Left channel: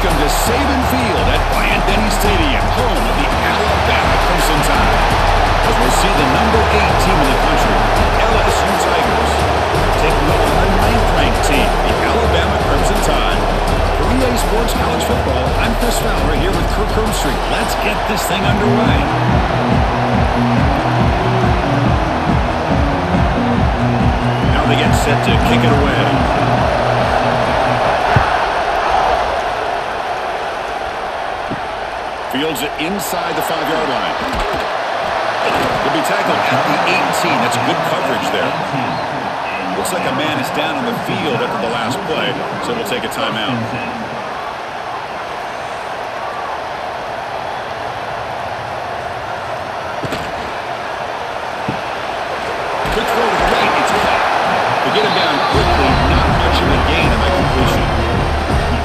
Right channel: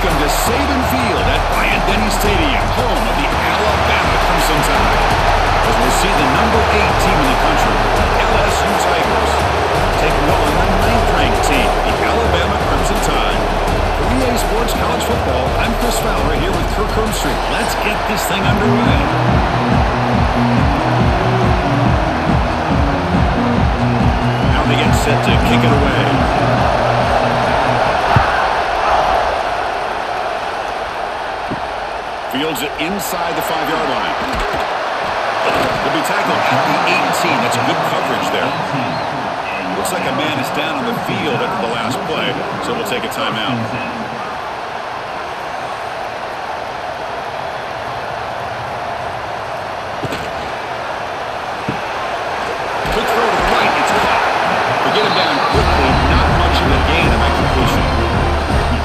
Welcome to Saban Field at Bryant-Denny Stadium, home of the Alabama Crimson Tide. As we'll see the number 8 team in the country, the LSU Tigers, taking on the 9th-ranked team, the Alabama Crimson Tide. For EA Sports College Football, I'm Chris Fowler here with Kirk Herbstreit. Let's get this thing underway. Now they get set to kick it away. Fields it inside the 5-yard line. He'll be tackled at the 18. That's good coverage there. Looks like a man is down on the field after the last play, so we'll take a timeout. Quick throw to the right. It's caught. They get him down quickly. Not much of a gain on that completion.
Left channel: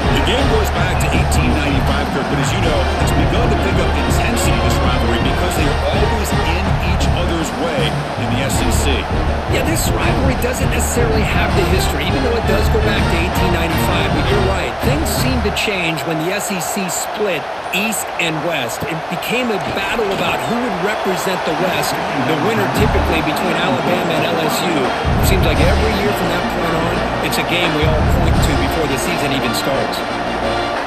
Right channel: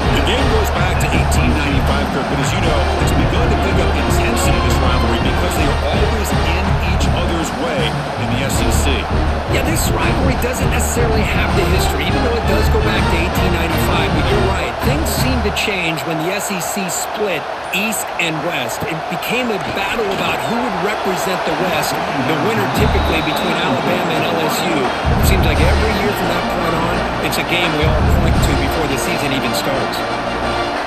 The game goes back to 1895, Kirk, but as you know, it's begun to pick up intensity, this rivalry, because they are always in each other's way in the SEC. Yeah, this rivalry doesn't necessarily have the history, even though it does go back to 1895, but you're right. Things seem to change when the SEC split East and West. It became a battle about who would represent the West, the winner typically between Alabama and LSU. It seems like every year from that point on, it's a game we all point to before the season even starts.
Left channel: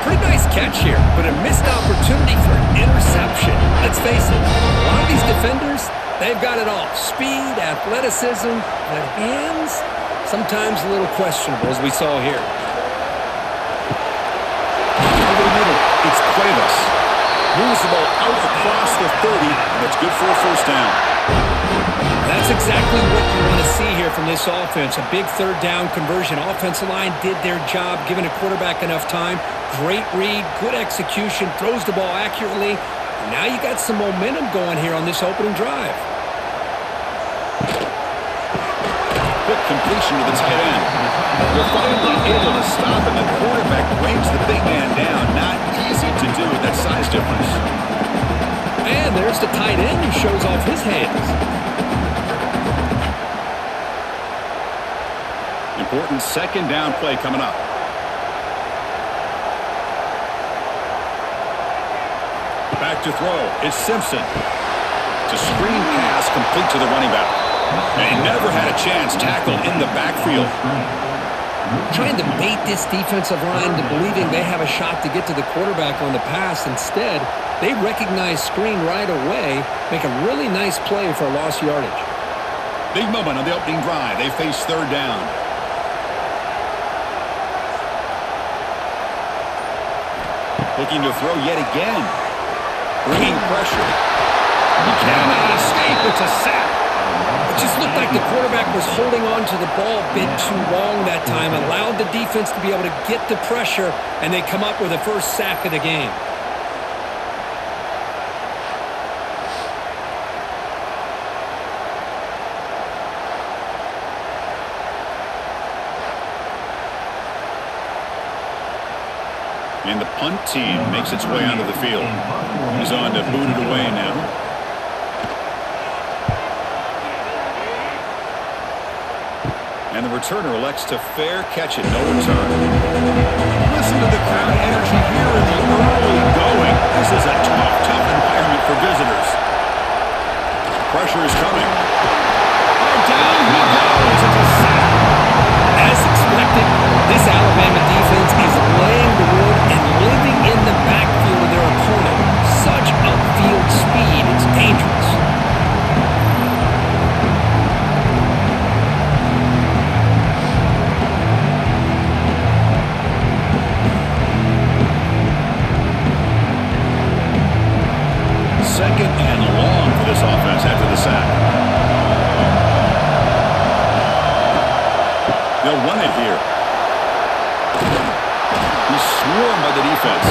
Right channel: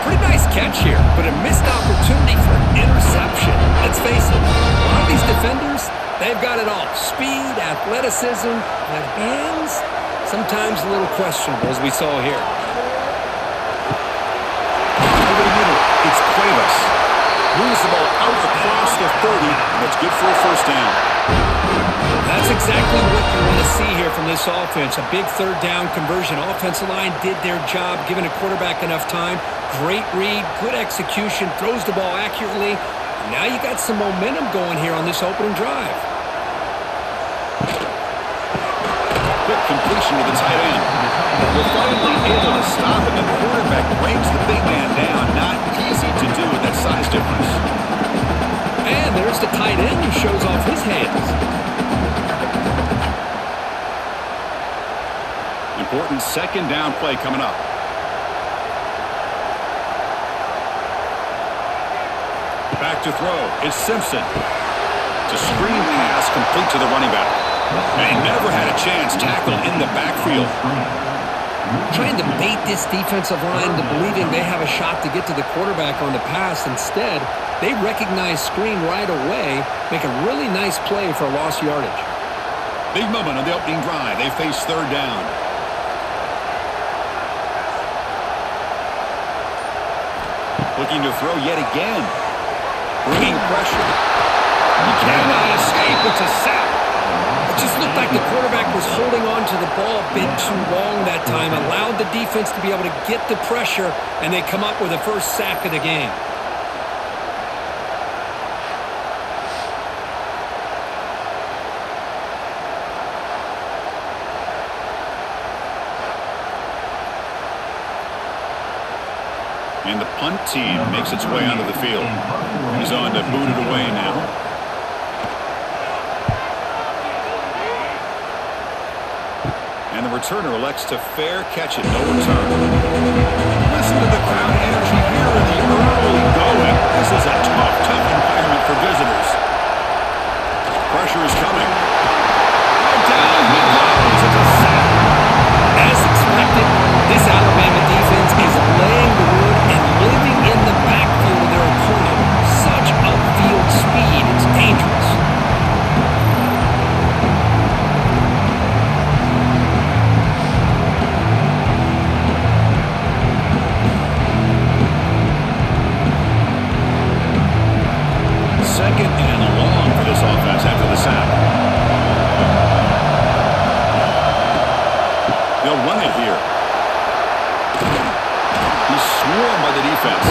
Pretty nice catch here, but a missed opportunity for an interception. Let's face it, a lot of these defenders, they've got it all. Speed, athleticism, but hands, sometimes a little questionable, as we saw here. Over the middle, it's Cuevas. Moves the ball out across the 30, and it's good for a first down. That's exactly what you want to see here from this offense. A big third down conversion. Offensive line did their job, giving a quarterback enough time. Great read, good execution, throws the ball accurately. And now you got some momentum going here on this opening drive. Quick completion to the tight end. They're finally able to stop it. The quarterback brings the big man down. Not easy to do with that size difference. And there's the tight end who shows off his hands. Important second down play coming up. Back to throw. It's Simpson. It's a screen pass complete to the running back. And he never had a chance tackled in the backfield. Trying to bait this defensive line into believing they have a shot to get to the quarterback on the pass. Instead, they recognize screen right away, make a really nice play for a lost yardage. Big moment on the opening drive. They face third down. Looking to throw yet again. Bringing pressure. He cannot escape. It's a sack. It just looked like the quarterback was holding on to the ball a bit too long that time. Allowed the defense to be able to get the pressure, and they come up with the first sack of the game. And the punt team makes its way onto the field. He's on to boot it away now. And the returner elects to fair catch it. No return. Listen to the crowd energy here in the early going. This is a tough environment for visitors. Pressure is coming. Oh, down he goes. It's a sack. As expected, this Alabama defense is laying the wood and living in the backfield of their opponent. Such upfield speed, it's dangerous. Second and long for this offense after the sack. They'll run it here. He's swarmed by the defense.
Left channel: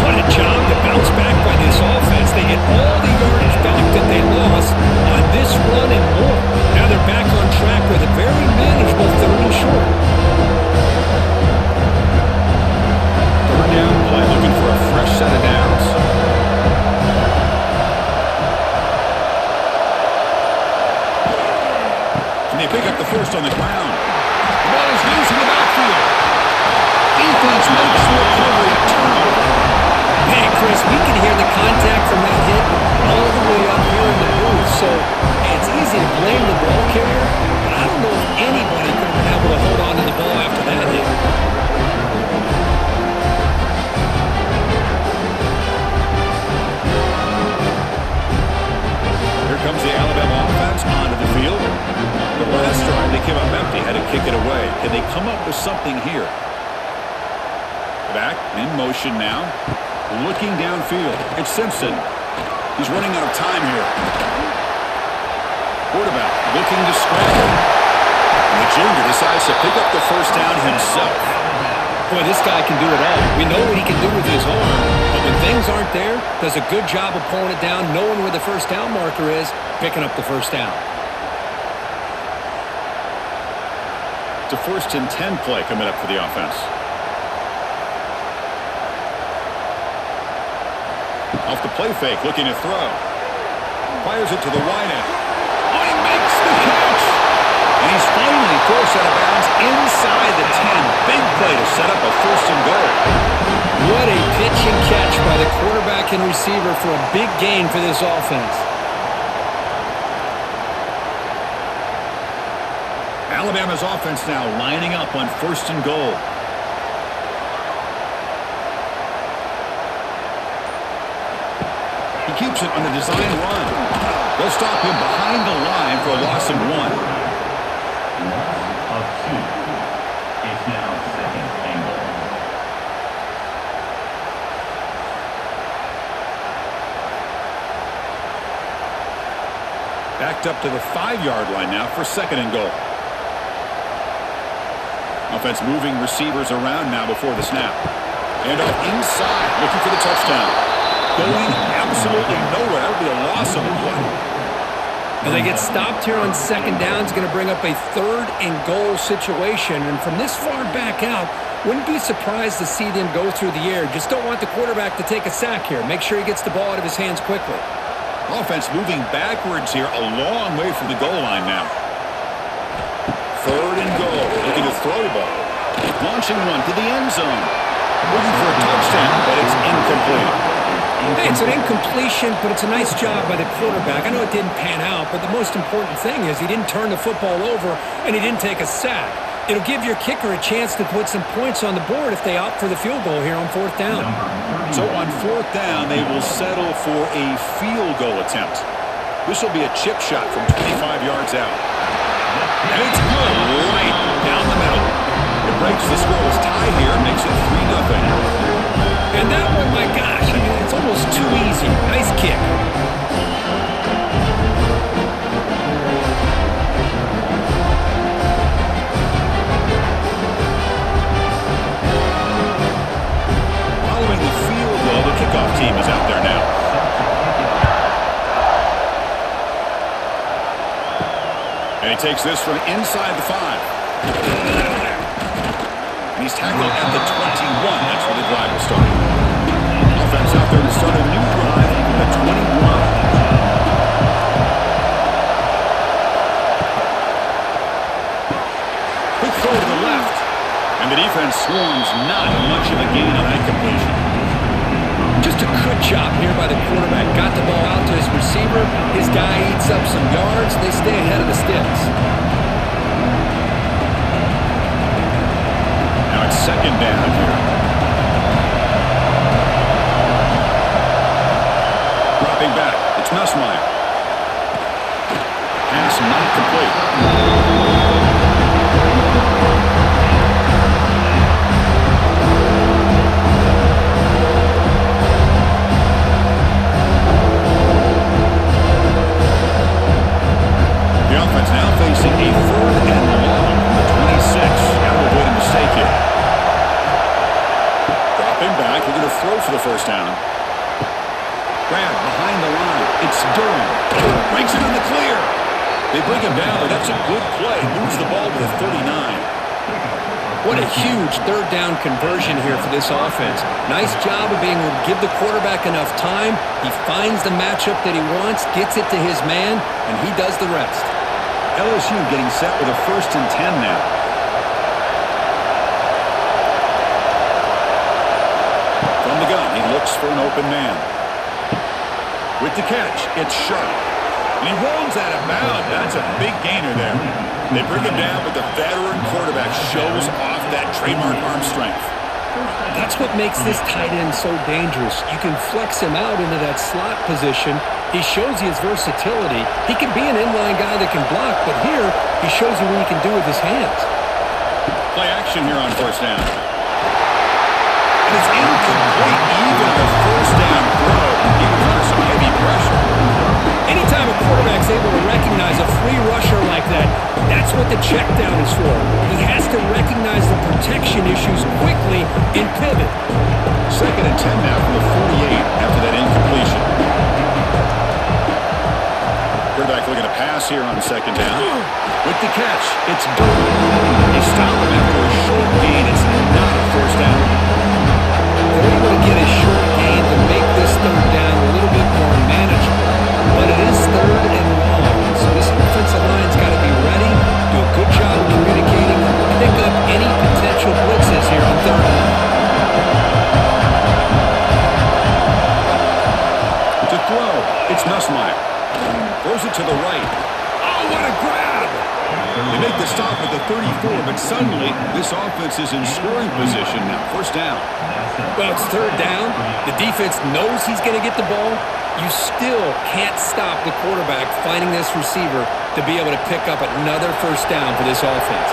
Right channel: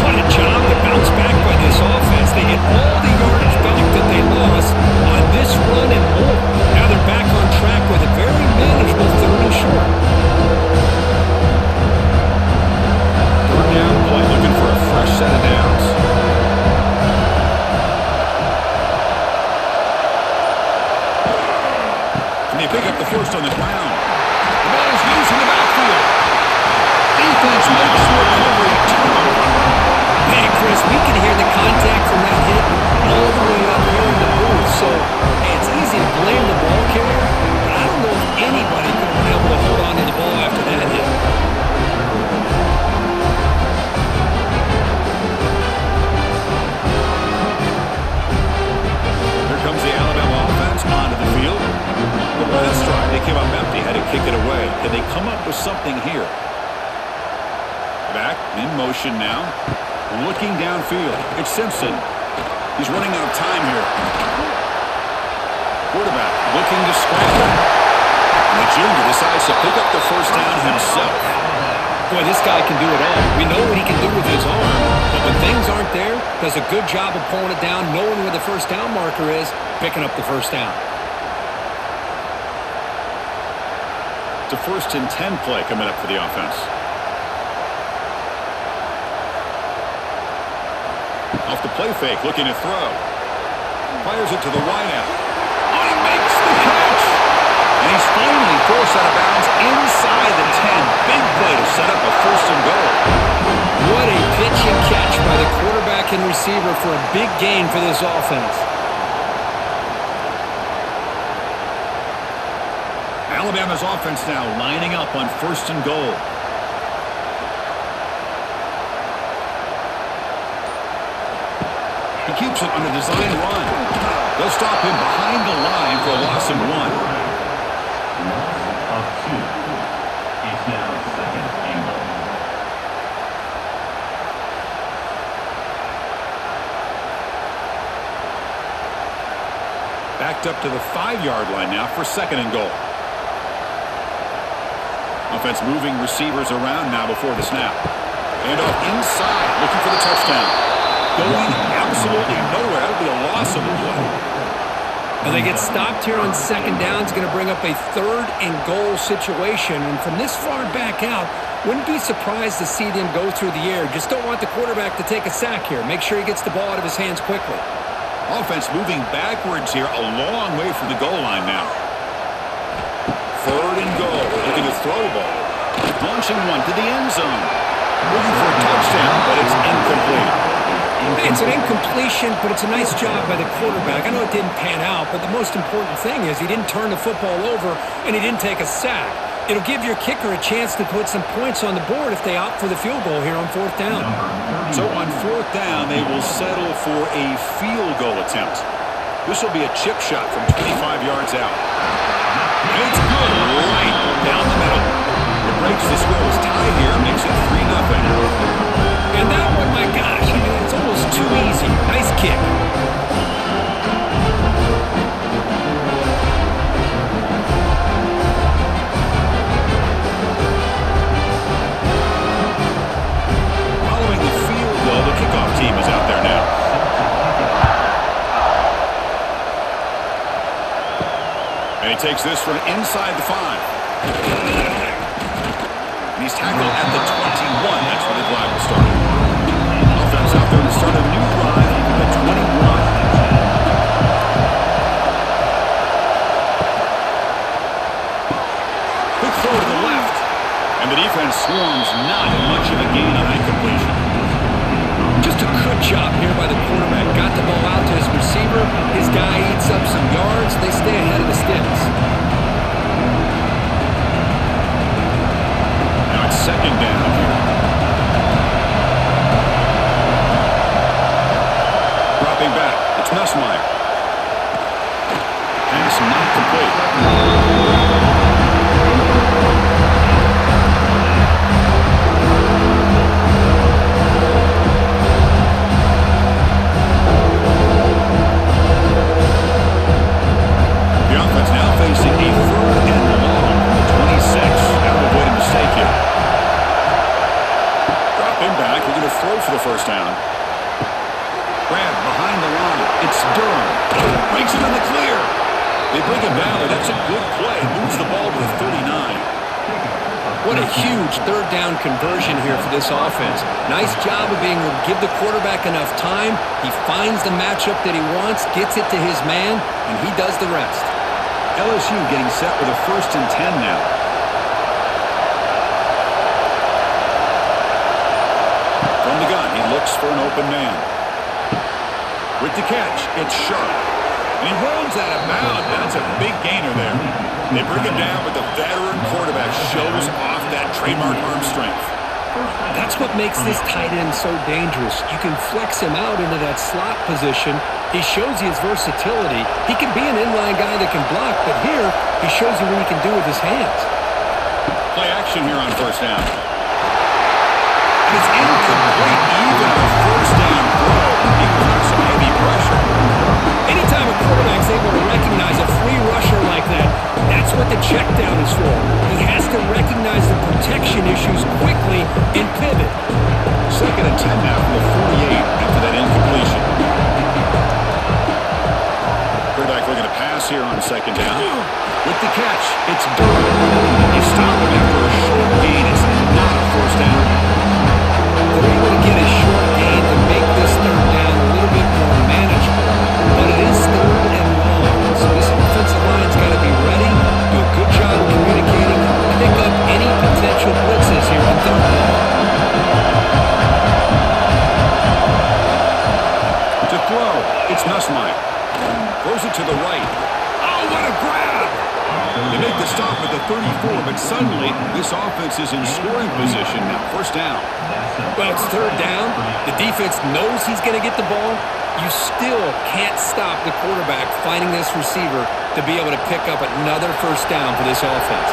What a job to bounce back by this offense. They get all the yardage back that they lost on this run and more. Now they're back on track with a very manageable third and short. Third down play, looking for a fresh set of downs. And they pick up the first on the ground. The ball is loose in the backfield. defense makes the recovery a turnover. Man, Chris, we can hear the contact from that hit all the way up here in the booth. So, hey, it's easy to blame the ball carrier, but I don't know if anybody could have been able to hold on to the ball after that hit. Here comes the Alabama offense onto the field. The last drive, they came up empty, had to kick it away. Can they come up with something here? Back in motion now. Looking downfield. It's Simpson. He's running out of time here. Quarterback looking to scramble. And the junior decides to pick up the first down himself. Boy, this guy can do it all. We know what he can do with his arm, but when things aren't there, does a good job of pulling it down, knowing where the first down marker is, picking up the first down. It's a 1st and 10 play coming up for the offense. Off the play fake, looking to throw. Fires it to the wideout. Oh, he makes the catch! And he's finally forced out of bounds inside the 10. Big play to set up a 1st and goal. What a pitch and catch by the quarterback and receiver for a big gain for this offense. Alabama's offense now lining up on 1st and goal. He keeps it on the design run. They'll stop him behind the line for a loss of 1. Loss of 2. It's now 2nd and goal. Backed up to the 5-yard line now for 2nd and goal. Offense moving receivers around now before the snap. And off inside, looking for the touchdown. Going absolutely nowhere. That would be a loss of a play. Now they get stopped here on 2nd down. It's going to bring up a 3rd and goal situation. And from this far back out, wouldn't be surprised to see them go through the air. Just don't want the quarterback to take a sack here. Make sure he gets the ball out of his hands quickly. Offense moving backwards here, a long way from the goal line now. 3rd and goal. Looking to throw the ball. Launching one to the end zone. Looking for a touchdown, but it's incomplete. Hey, it's an incompletion, but it's a nice job by the quarterback. I know it didn't pan out, but the most important thing is he didn't turn the football over and he didn't take a sack. It'll give your kicker a chance to put some points on the board if they opt for the field goal here on 4th down. So on 4th down, they will settle for a field goal attempt. This will be a chip shot from 25 yards out. And it's good, right down the middle. It breaks the scoreless tie here, makes it 3-0. And that one, my gosh, I mean, it's almost too easy. Nice kick. Following the field goal, the kickoff team is out there now. And he takes this from inside the 5. And he's tackled at the 21. That's where the drive will start. Offense out there to start a new drive at the 21. Quick throw to the left. And the defense swarms, not much of a gain on that completion. Just a good job here by the quarterback. Got the ball out to his receiver. His guy eats up some yards. They stay ahead of the sticks. Now it's 2nd down here. Dropping back. It's Nussmeier. Pass not complete. The offense now facing a 3rd and long from the 26. Got to avoid a mistake here. Dropping back, looking to throw for the first down. Grab behind the line. It's Durham. Breaks it in the clear. They bring him down, but that's a good play. Moves the ball to the 39. What a huge 3rd down conversion here for this offense. Nice job of being able to give the quarterback enough time. He finds the matchup that he wants, gets it to his man, and he does the rest. LSU getting set with a 1st and 10 now. From the gun, he looks for an open man. With the catch, it's Sharp. And he rolls out of bounds. That's a big gainer there. They bring him down, but the veteran quarterback shows off that trademark arm strength. That's what makes this tight end so dangerous. You can flex him out into that slot position. He shows you his versatility. He can be an inline guy that can block, but here he shows you what he can do with his hands. Play action here on first down. And it's incomplete even on a first down throw. He was under some heavy pressure. Anytime a quarterback's able to recognize a free rusher like that, that's what the check down is for. He has to recognize the protection issues quickly and pivot. 2nd and 10 now from the 48 after that incompletion. Quarterback looking to pass here on 2nd down. With the catch, it's Durham. They stop him after a short gain. It's not a first down. They're able to get a short gain to make this 3rd down a little bit more manageable. But it is 3rd and long, so this offensive line's got to be ready, do a good job of communicating, and pick up any potential blitzes here on 3rd and long. To throw, it's Nussmeier. Throws it to the right. Oh, what a grab! They make the stop at the 34, but suddenly this offense is in scoring position now. First down. Well, it's 3rd down. The defense knows he's going to get the ball. You still can't stop the quarterback finding this receiver to be able to pick up another first down for this offense.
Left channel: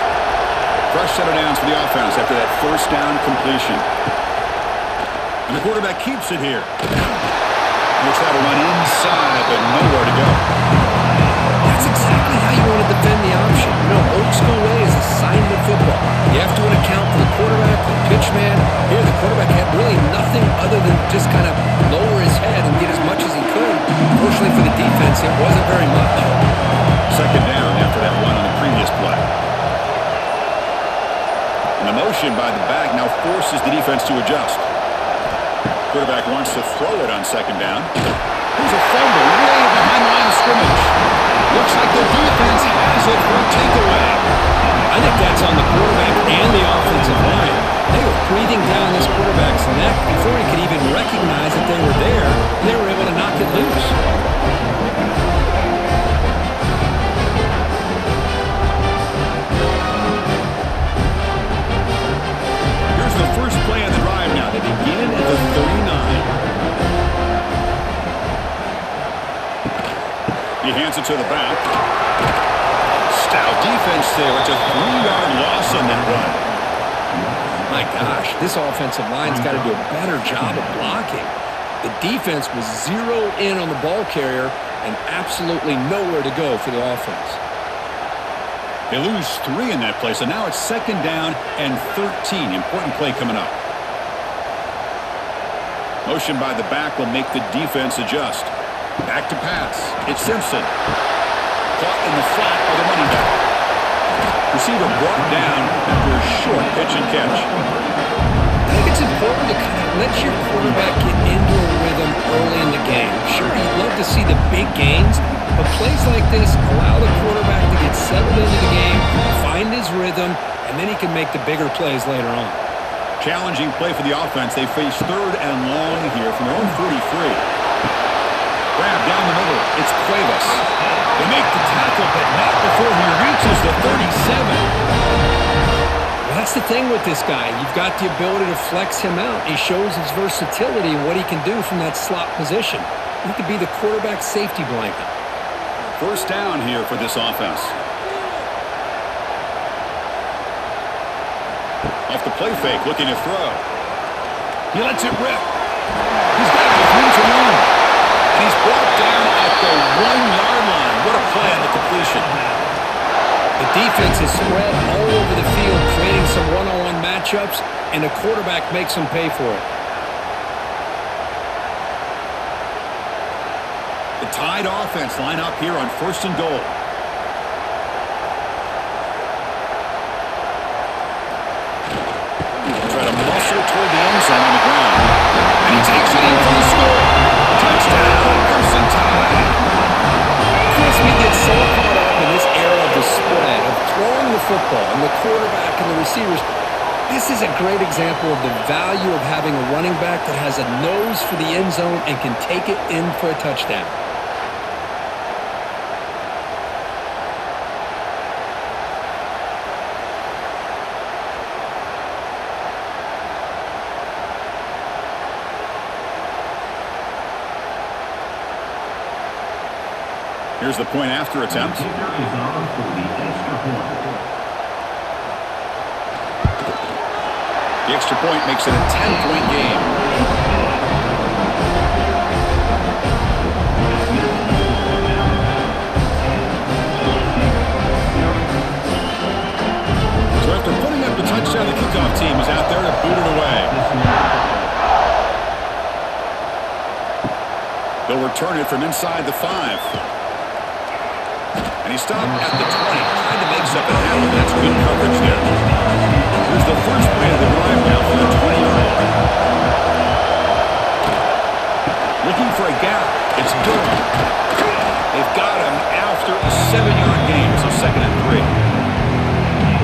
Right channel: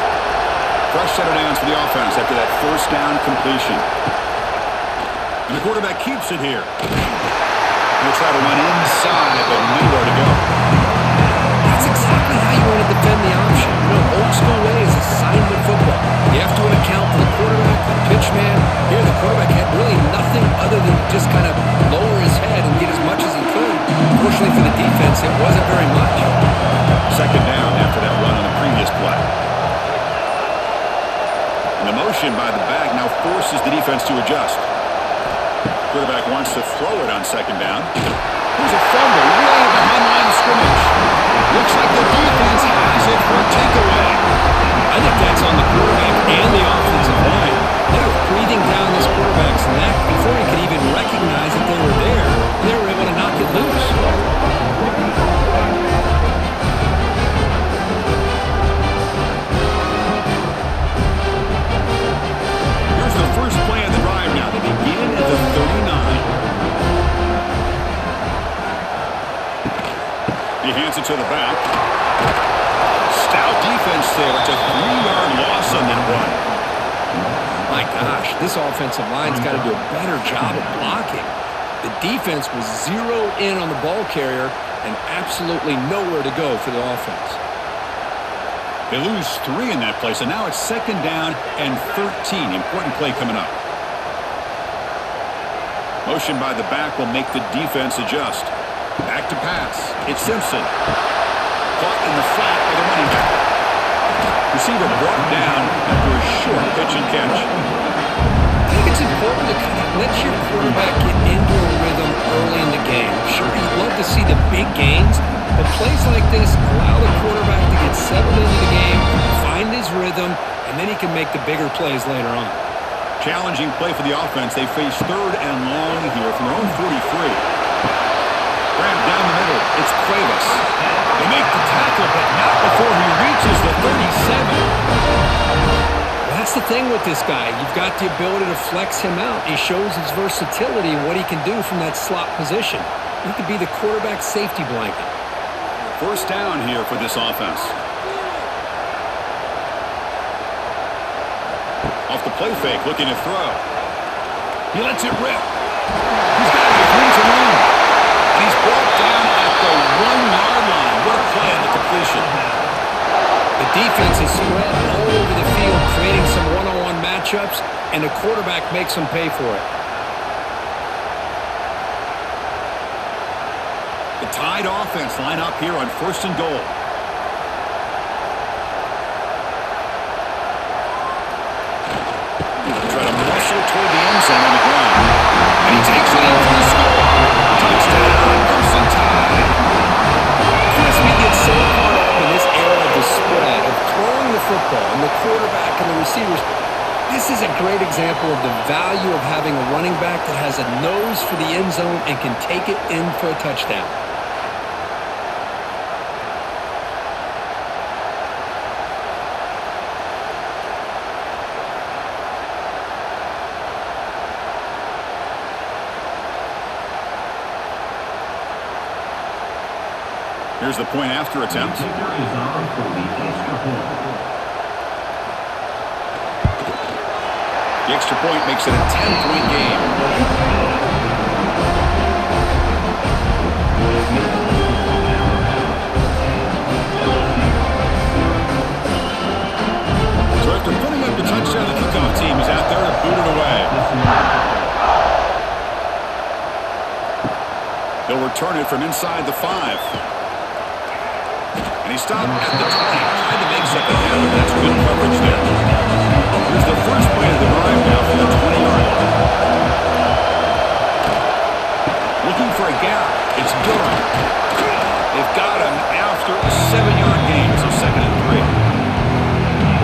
Fresh set of downs for the offense after that first down completion. And the quarterback keeps it here. Going to try to run inside, but nowhere to go. That's exactly how you want to defend the option. You know, old school way is assignment football. You have to account for the quarterback, the pitch man. Here, the quarterback had really nothing other than just kind of lower his head and get as much as he could. Fortunately for the defense, it wasn't very much. 2nd down after that run on the previous play. And the motion by the back now forces the defense to adjust. Quarterback wants to throw it on 2nd down. Here's a fumble way behind the line of scrimmage. Looks like the defense has it for a takeaway. I think that's on the quarterback and the offensive line. They were breathing down this quarterback's neck before he could even recognize that they were there, and they were able to knock it loose. Here's the first play of the drive now. They begin at the 39. He hands it to the back. Stout defense there. It's a 3-yard loss on that run. My gosh, this offensive line's got to do a better job of blocking. The defense was zeroed in on the ball carrier and absolutely nowhere to go for the offense. They lose 3 in that play, so now it's 2nd down and 13. Important play coming up. Motion by the back will make the defense adjust. Back to pass. It's Simpson. Caught in the flat by the running back. Receiver brought down after a short pitch and catch. I think it's important to kind of let your quarterback get into a rhythm early in the game. Sure, you'd love to see the big gains, but plays like this allow the quarterback to get settled into the game, find his rhythm, and then he can make the bigger plays later on. Challenging play for the offense. They face 3rd and long here from their own 43. Grab down the middle. It's Cuevas. They make the tackle, but not before he reaches the 37. Well, that's the thing with this guy. You've got the ability to flex him out. He shows his versatility and what he can do from that slot position. He could be the quarterback safety blanket. First down here for this offense. Off the play fake, looking to throw. He lets it rip. He's got it with room to run. And he's brought down at the 1-yard line. What a play on the completion. The defense is spread all over the field, creating some one-on-one matchups, and the quarterback makes them pay for it. The Tide offense line up here on 1st and goal. Try to muscle toward the end zone on the ground. And he takes it in for the score. Touchdown, Crimson Tide. Chris, we get so caught up in this era of the spread, of throwing the football, and the quarterback and the receivers. This is a great example of the value of having a running back that has a nose for the end zone and can take it in for a touchdown. Here's the point after attempt. The kicker is on for the extra point. The extra point makes it a 10-point game. That makes the score Alabama 10, LSU 0. So after putting up the touchdown, the kickoff team is out there to boot it away. He'll return it from inside the 5. And he stopped at the 20, tried to make something happen, but that's good coverage there. Here's the first play of the drive now from the 20-yard line. Looking for a gap. It's Durham. They've got him after a 7-yard gain, so 2nd and 3.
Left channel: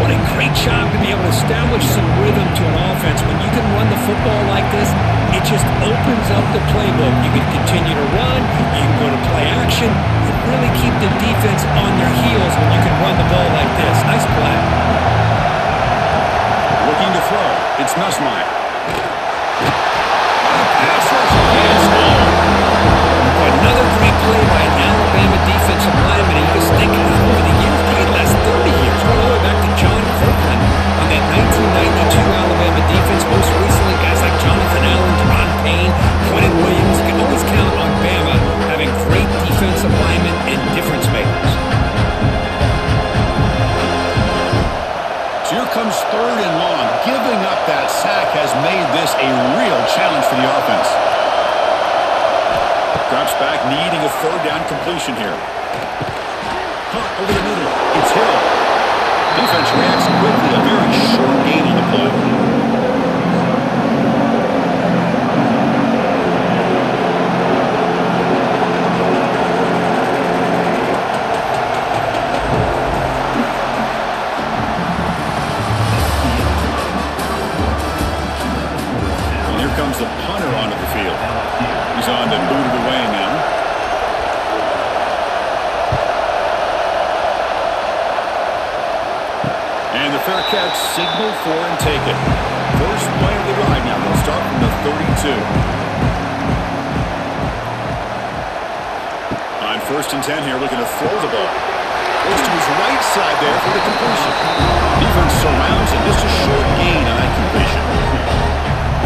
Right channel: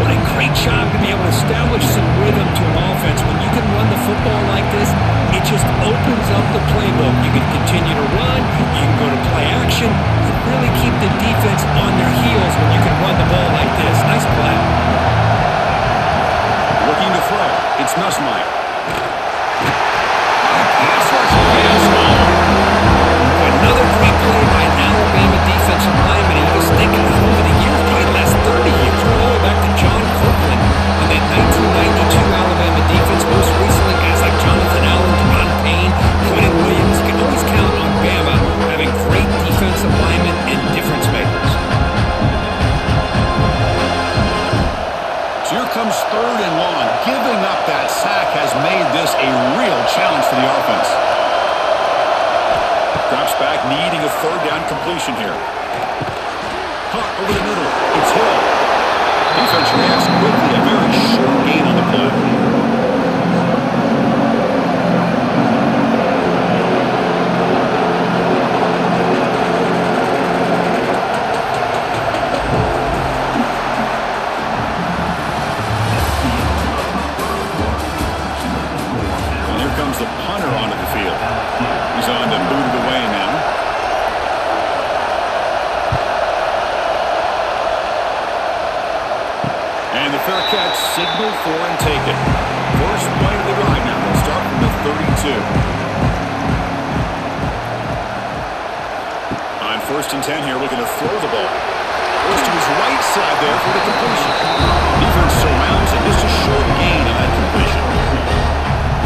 What a great job to be able to establish some rhythm to an offense. When you can run the football like this, it just opens up the playbook. You can continue to run, you can go to play action, and really keep the defense on their heels when you can run the ball like this. Nice play. Looking to throw. It's Nussmeier. On the pass rush against Another great play by an Alabama defensive lineman. He was thinking about over the years, probably the last 30 years, going all the way back to John Copeland on that 1992 Alabama defense. Most recently, guys like Jonathan Allen, Deron Payne, Quentin Williams. You can always count on Bama having great defensive linemen and difference makers. So here comes 3rd and long. Giving up that sack has made this a real challenge for the offense. Drops back, needing a 3rd down completion here. Caught over the middle. It's Hill. Defense reacts quickly. A very short gain on the play. And here comes the punter onto the field. He's on to boot it away now. And the fair catch signaled for and taken. First play of the drive now. They'll start from the 32. On 1st and 10 here, looking to throw the ball. Goes to his right side there for the completion. Defense surrounds and just a short gain on that completion.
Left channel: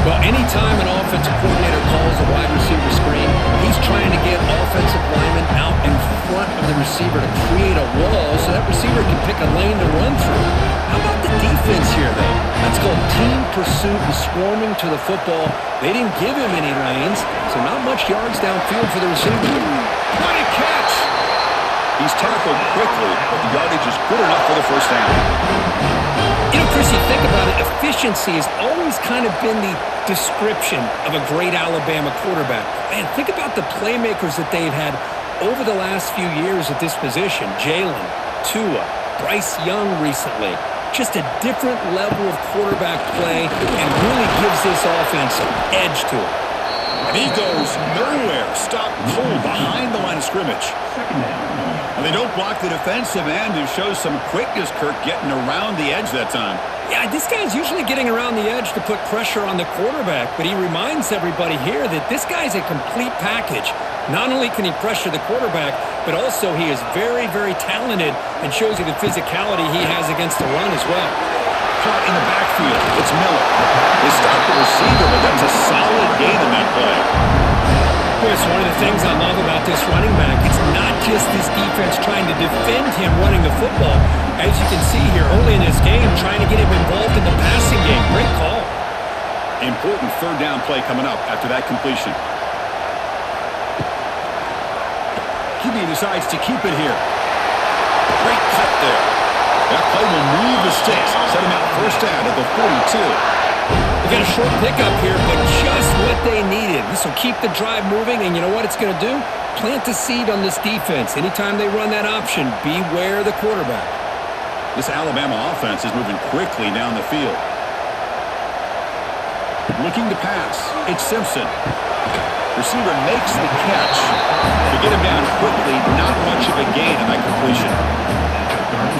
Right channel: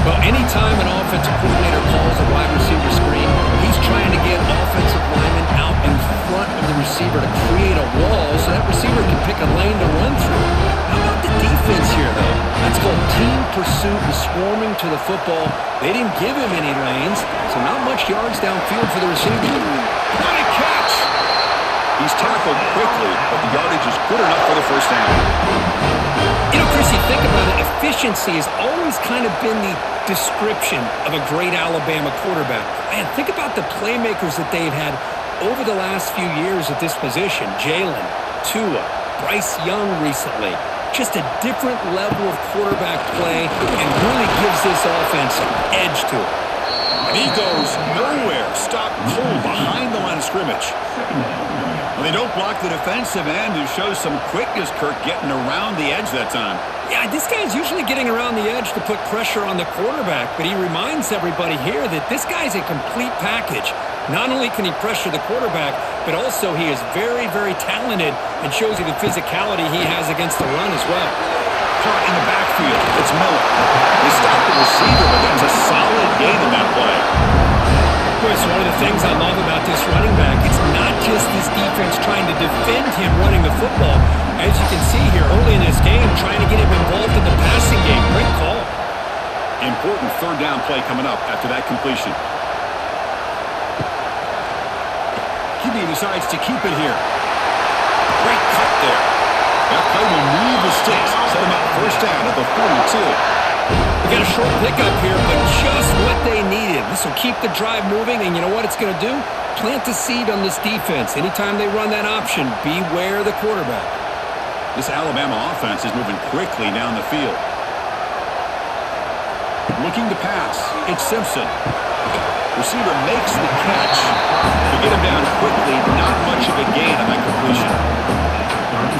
Well, anytime an offensive coordinator calls a wide receiver screen, he's trying to get offensive linemen out in front of the receiver to create a wall so that receiver can pick a lane to run through. How about the defense here, though? That's called team pursuit and swarming to the football. They didn't give him any lanes, so not much yards downfield for the receiver. What a catch! He's tackled quickly, but the yardage is good enough for the first down. You know, Chris, you think about it, efficiency has always kind of been the description of a great Alabama quarterback. Man, think about the playmakers that they've had over the last few years at this position. Jalen, Tua, Bryce Young recently. Just a different level of quarterback play and really gives this offense an edge to it. And he goes nowhere. Stopped cold behind the line of scrimmage. Well, they don't block the defensive end, who shows some quickness, Kirk, getting around the edge that time. Yeah, this guy's usually getting around the edge to put pressure on the quarterback, but he reminds everybody here that this guy's a complete package. Not only can he pressure the quarterback, but also he is very, very talented and shows you the physicality he has against the run as well. Caught in the backfield. It's Miller. They stopped the receiver, but that's a solid gain on that play. Boy, it's one of the things I love about this running back. It's not just this defense trying to defend him running the football. As you can see here early in this game, trying to get him involved in the passing game. Great call. Important 3rd down play coming up after that completion. QB decides to keep it here. Great cut there. That play will move the sticks. Set him up 1st down at the 42. We got a short pickup here, but just what they needed. This will keep the drive moving, and you know what it's going to do? Plant the seed on this defense. Anytime they run that option, beware the quarterback. This Alabama offense is moving quickly down the field. Looking to pass. It's Simpson. Receiver makes the catch. To get him down quickly, not much of a gain on that completion.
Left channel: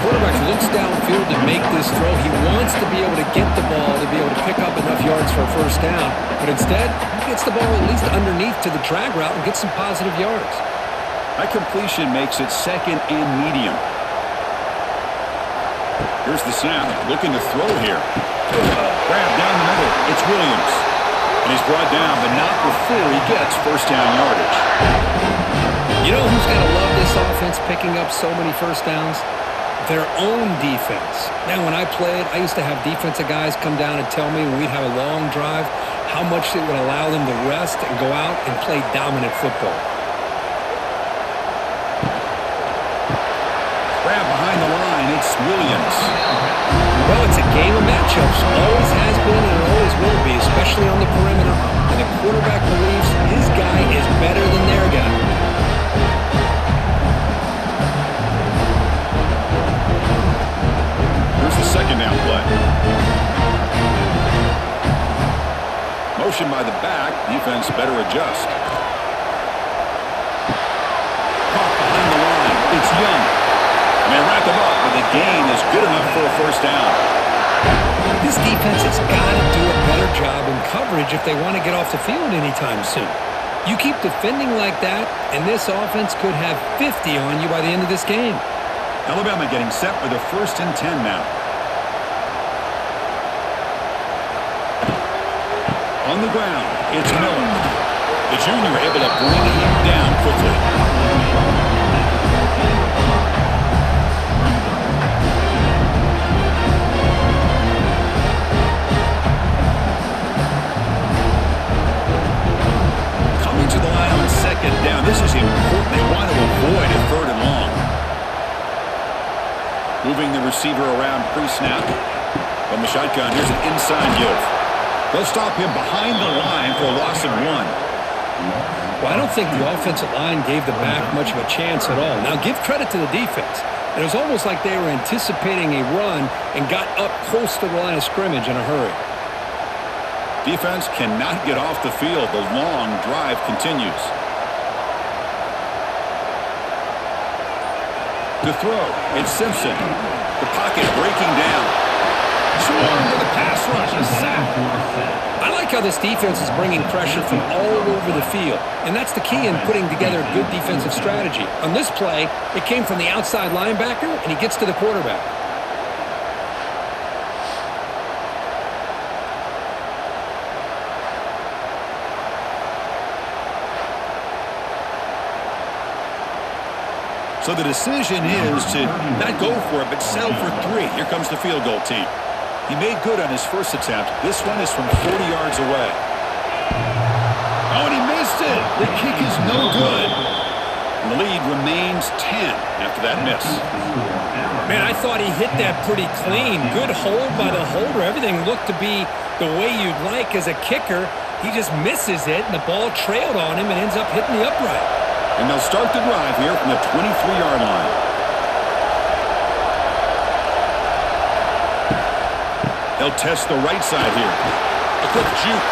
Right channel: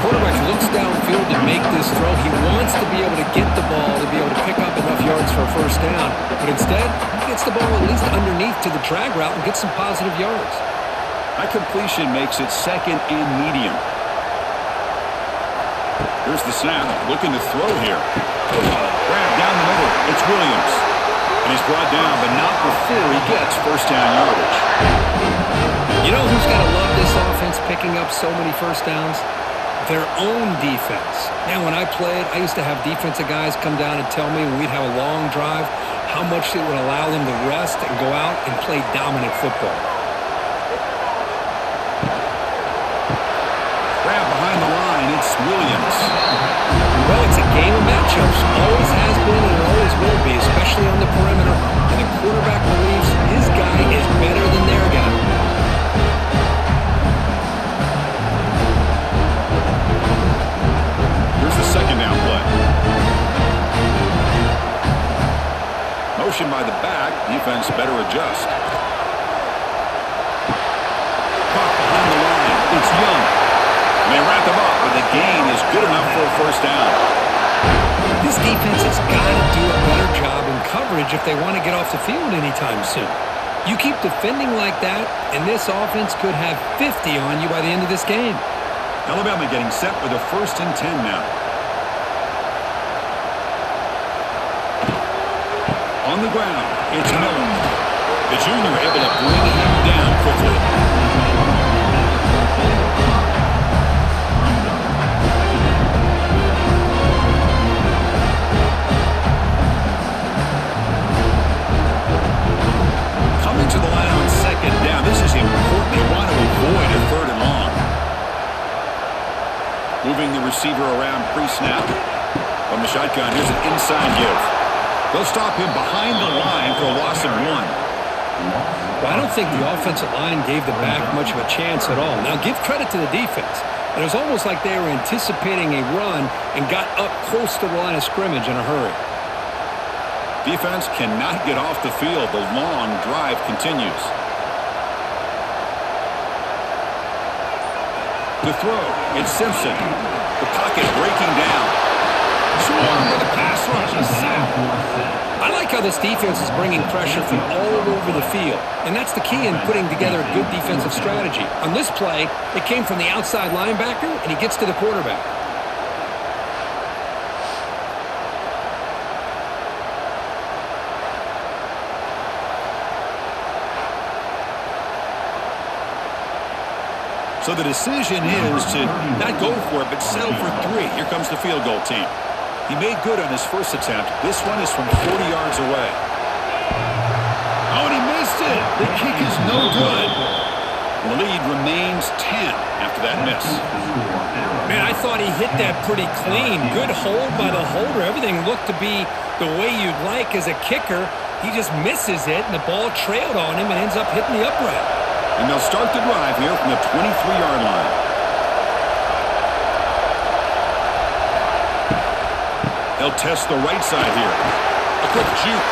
Quarterback looks downfield to make this throw. He wants to be able to get the ball to be able to pick up enough yards for a first down. But instead, he gets the ball at least underneath to the drag route and gets some positive yards. That completion makes it second and medium. Here's the snap. Looking to throw here. Grab down the middle. It's Williams. And he's brought down, but not before he gets first down yardage. You know who's got to love this offense picking up so many first downs? Their own defense. Man, when I played, I used to have defensive guys come down and tell me when we'd have a long drive how much it would allow them to rest and go out and play dominant football. Grab behind the line. It's Williams. Well, it's a game of matchups. Always has been and it always will be, especially on the perimeter. And the quarterback believes his guy is better than their guy. Here's the second down play. Motion by the back. Defense better adjust. Caught behind the line. It's Young. And they wrap him up, but the gain is good enough for a first down. This defense has got to do a better job in coverage if they want to get off the field anytime soon. You keep defending like that, and this offense could have 50 on you by the end of this game. Alabama getting set with a 1st and 10 now. On the ground, it's Miller. The junior able to bring him down quickly. Coming to the line on second down. This is important. They want to avoid a 3rd and long. Moving the receiver around pre-snap. From the shotgun, here's an inside give. They'll stop him behind the line for a loss of 1. Well, I don't think the offensive line gave the back much of a chance at all. Now, give credit to the defense. It was almost like they were anticipating a run and got up close to the line of scrimmage in a hurry. Defense cannot get off the field. The long drive continues. To throw, it's Simpson. The pocket breaking down. Swarm with a pass rush, a sack. I like how this defense is bringing pressure from all over the field, and that's the key in putting together a good defensive strategy. On this play, it came from the outside linebacker, and he gets to the quarterback. So the decision is to not go for it, but settle for 3. Here comes the field goal team. He made good on his first attempt. This one is from 40 yards away. Oh, and he missed it. The kick is no good. And the lead remains 10 after that miss. Man, I thought he hit that pretty clean. Good hold by the holder. Everything looked to be the way you'd like as a kicker. He just misses it, and the ball trailed on him and ends up hitting the upright. And they'll start the drive here from the 23-yard line. They'll test the right side here. A quick juke.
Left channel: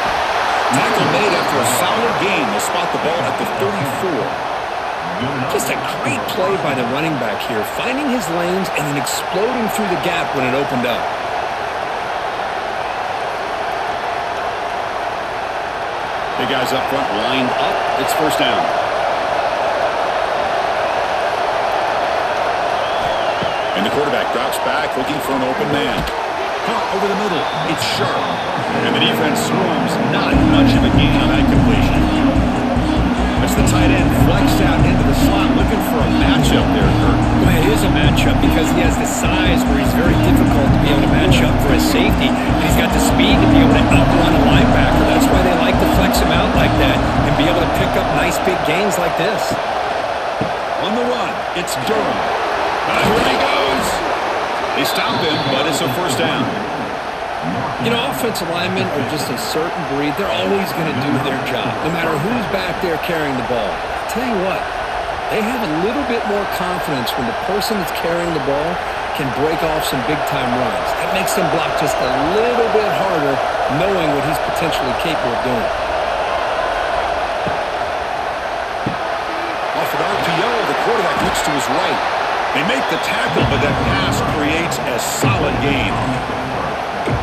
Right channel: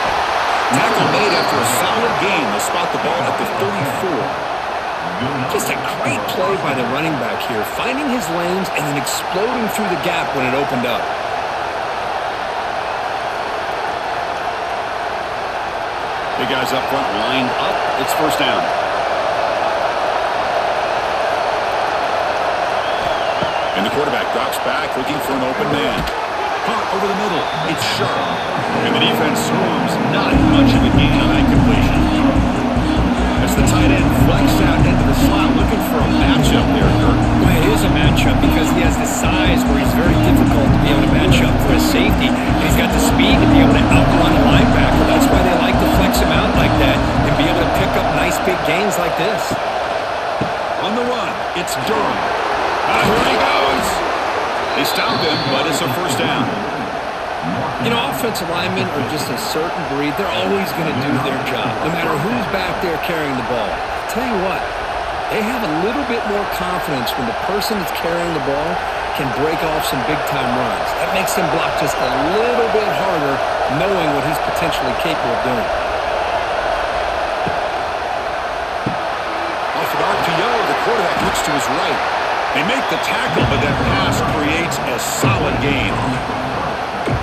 Tackle made after a solid gain. They'll spot the ball at the 34. Just a great play by the running back here, finding his lanes and then exploding through the gap when it opened up. Big guys up front lined up. It's first down. And the quarterback drops back looking for an open man. Caught over the middle. It's Sharp. And the defense swarms. Not much of a gain on that completion. As the tight end flex out into the slot looking for a matchup there, Kurt. Well, it is a matchup because he has the size where he's very difficult to be able to match up for his safety. And he's got the speed to be able to outrun a linebacker. That's why they like to flex him out like that and be able to pick up nice big gains like this. On the run, it's Durham. Here he goes. They stop him, but it's a first down. You know, offensive linemen are just a certain breed. They're always going to do their job, no matter who's back there carrying the ball. I'll tell you what, they have a little bit more confidence when the person that's carrying the ball can break off some big-time runs. That makes him block just a little bit harder, knowing what he's potentially capable of doing. Off an RPO, the quarterback looks to his right. They make the tackle, but that pass creates a solid gain.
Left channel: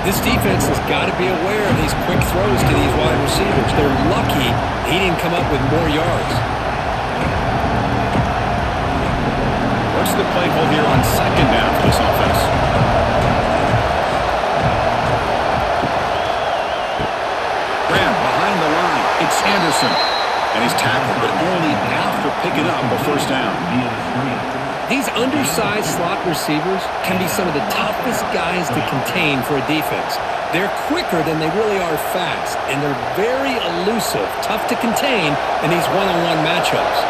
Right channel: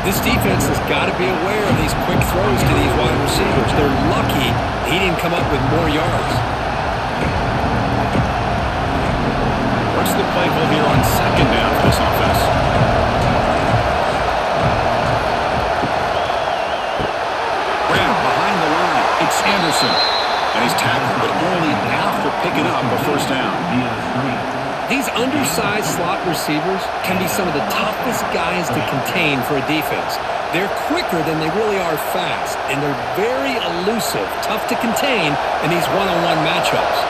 This defense has got to be aware of these quick throws to these wide receivers. They're lucky he didn't come up with more yards. What's the play call here on second down for this offense? Grab behind the line. It's Anderson. And he's tackled, but only after picking up a first down. These undersized slot receivers can be some of the toughest guys to contain for a defense. They're quicker than they really are fast, and they're very elusive, tough to contain in these one-on-one matchups.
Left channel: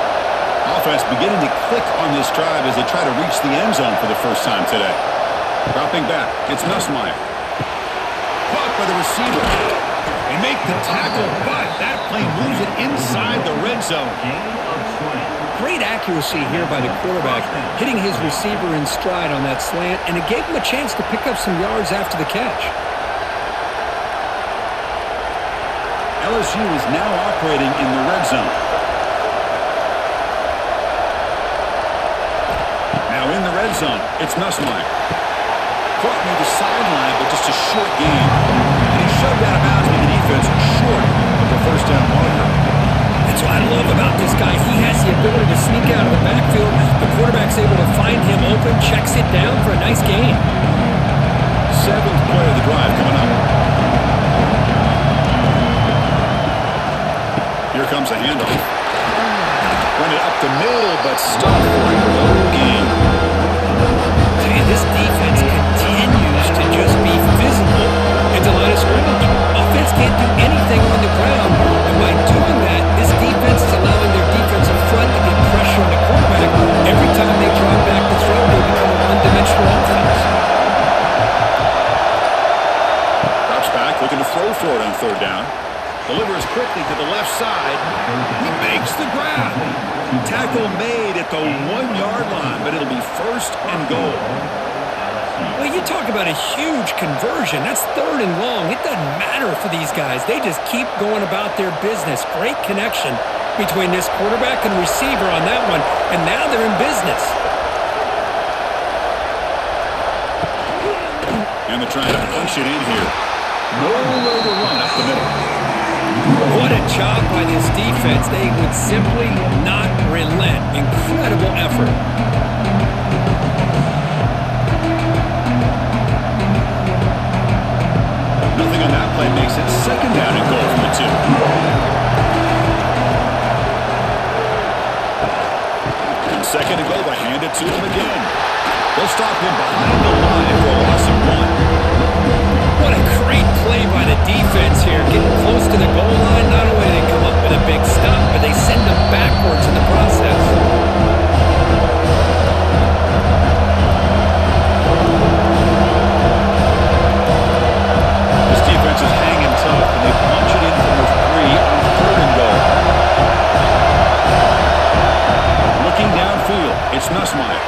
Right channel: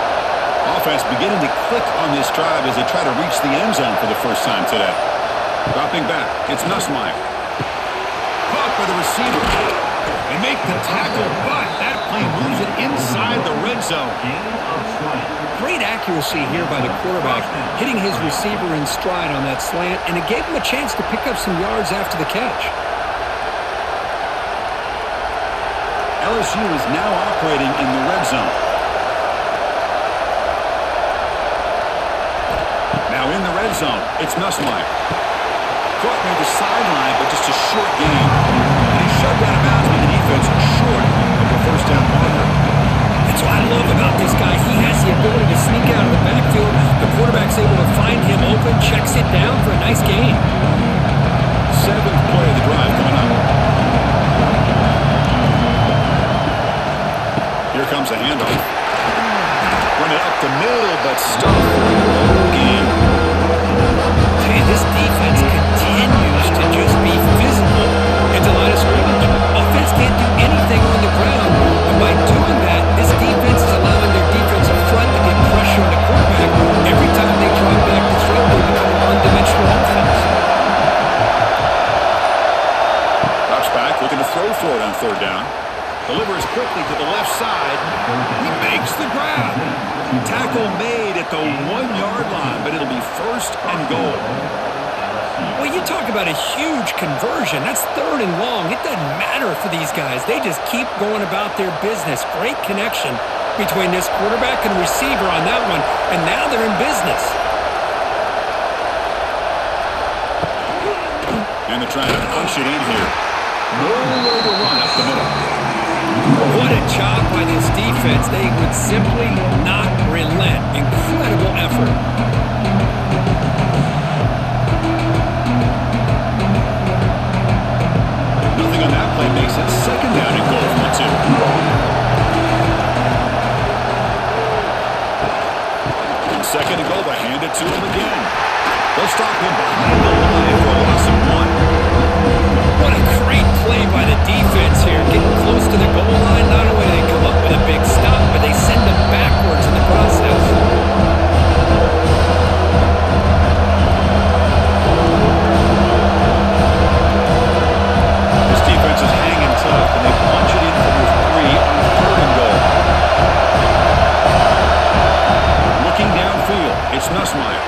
Offense beginning to click on this drive as they try to reach the end zone for the first time today. Dropping back, it's Nussmeier. Caught by the receiver. They make the tackle, but that play moves it inside the red zone. Great accuracy here by the quarterback, hitting his receiver in stride on that slant, and it gave him a chance to pick up some yards after the catch. LSU is now operating in the red zone. Now in the red zone, it's Nussmeier. Caught near the sideline, but just a short gain. And he's shoved out of bounds with the defense short of the first down marker. That's what I love about this guy. He has the ability to sneak out of the backfield. The quarterback's able to find him open, checks it down for a nice gain. Seventh play of the drive coming up. Here comes a handoff. Run it up the middle, but stuffed for no gain. Hey, this defense continues to just be physical into line of scrimmage. Offense can't do anything on the ground, and by doing that, this defense is allowing their defensive front to get pressure on the quarterback. Every time they drop back to throw, they become a one-dimensional offense. Drops back, looking to throw for it on third down. Delivers quickly to the left side. He makes the grab. Tackle made at the 1 yard line, but it'll be first and goal. Well, you talk about a huge conversion. That's third and long. It doesn't matter for these guys. They just keep going about their business. Great connection between this quarterback and receiver on that one, and now they're in business. And they're trying to punch it in here. Nowhere to run up the middle. What a job by this defense. They would simply not relent. Incredible effort. Nothing on that play makes it second down and goal from the 2. And second and goal, they hand it to him again. They'll stop him behind the line for a loss of 1. What a great play by the defense here. Getting close to the goal line, not only do they come up with a big stop, but they send them backwards in the process. This defense is hanging tough, and they punch it in from the 3 on third and goal. Looking downfield, it's Nussmeier.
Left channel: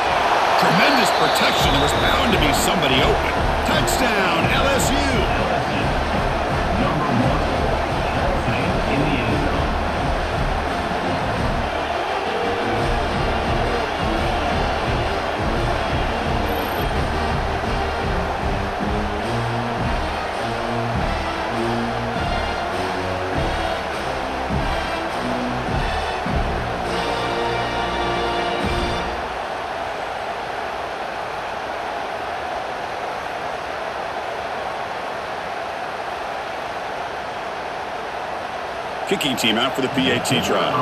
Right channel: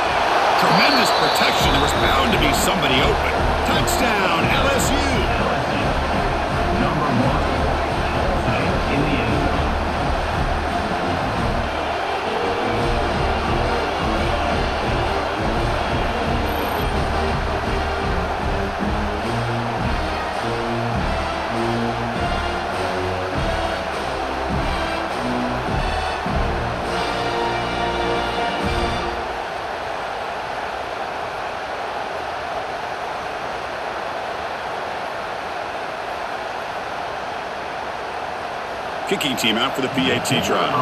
Tremendous protection. There was bound to be somebody open. Touchdown, LSU. LSU, number 1, Hall Fame in the end zone. Kicking team out for the PAT try.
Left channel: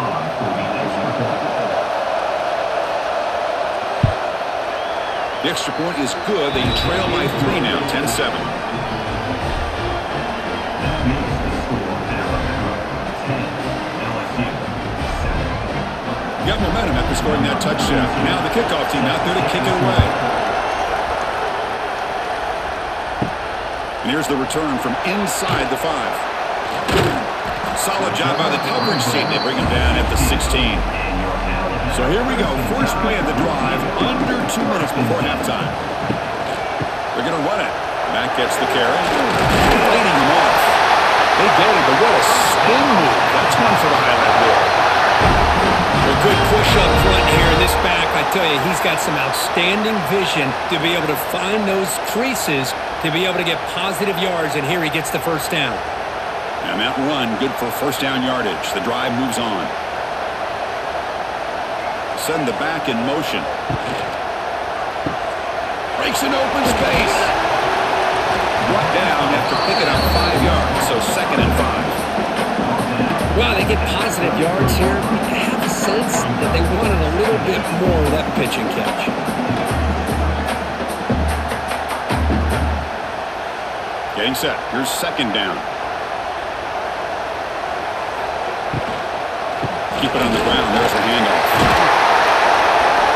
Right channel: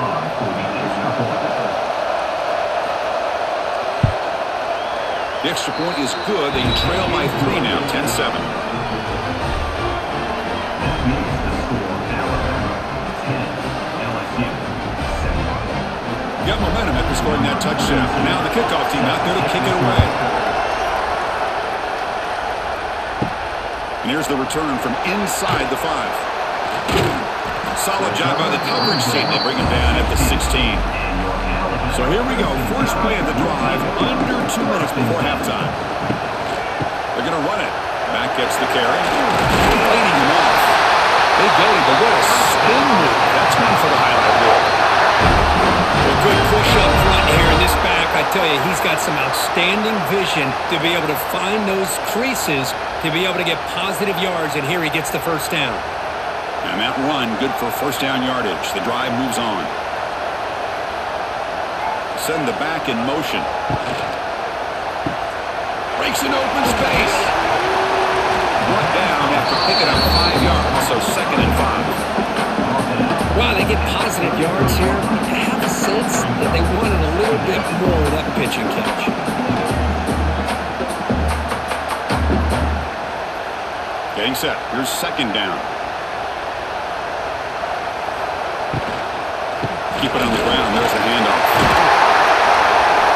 The extra point is good. They trail by 3 now, 10-7. That makes the score Alabama 10, LSU 7. You got momentum after scoring that touchdown. Now the kickoff team out there to kick it away. And here's the return from inside the 5. Solid job by the coverage team. They bring him down at the 16. So here we go. First play of the drive, under 2 minutes before halftime. They're going to run it. Back gets the carry. Fighting him off. They get him, but what a spin move. That's one for the highlight reel. Well, good push up front here in this back. I tell you, he's got some outstanding vision to be able to find those creases, to be able to get positive yards, and here he gets the first down. And that run, good for first down yardage. The drive moves on. Send the back in motion. Breaks an open space. Brought down after picking up 5 yards, so 2nd and 5. Wow, they get positive yards here. I have a sense that they wanted a little bit more of that pitch and catch. Getting set. Here's 2nd down. Keep it on the ground. There's the handoff.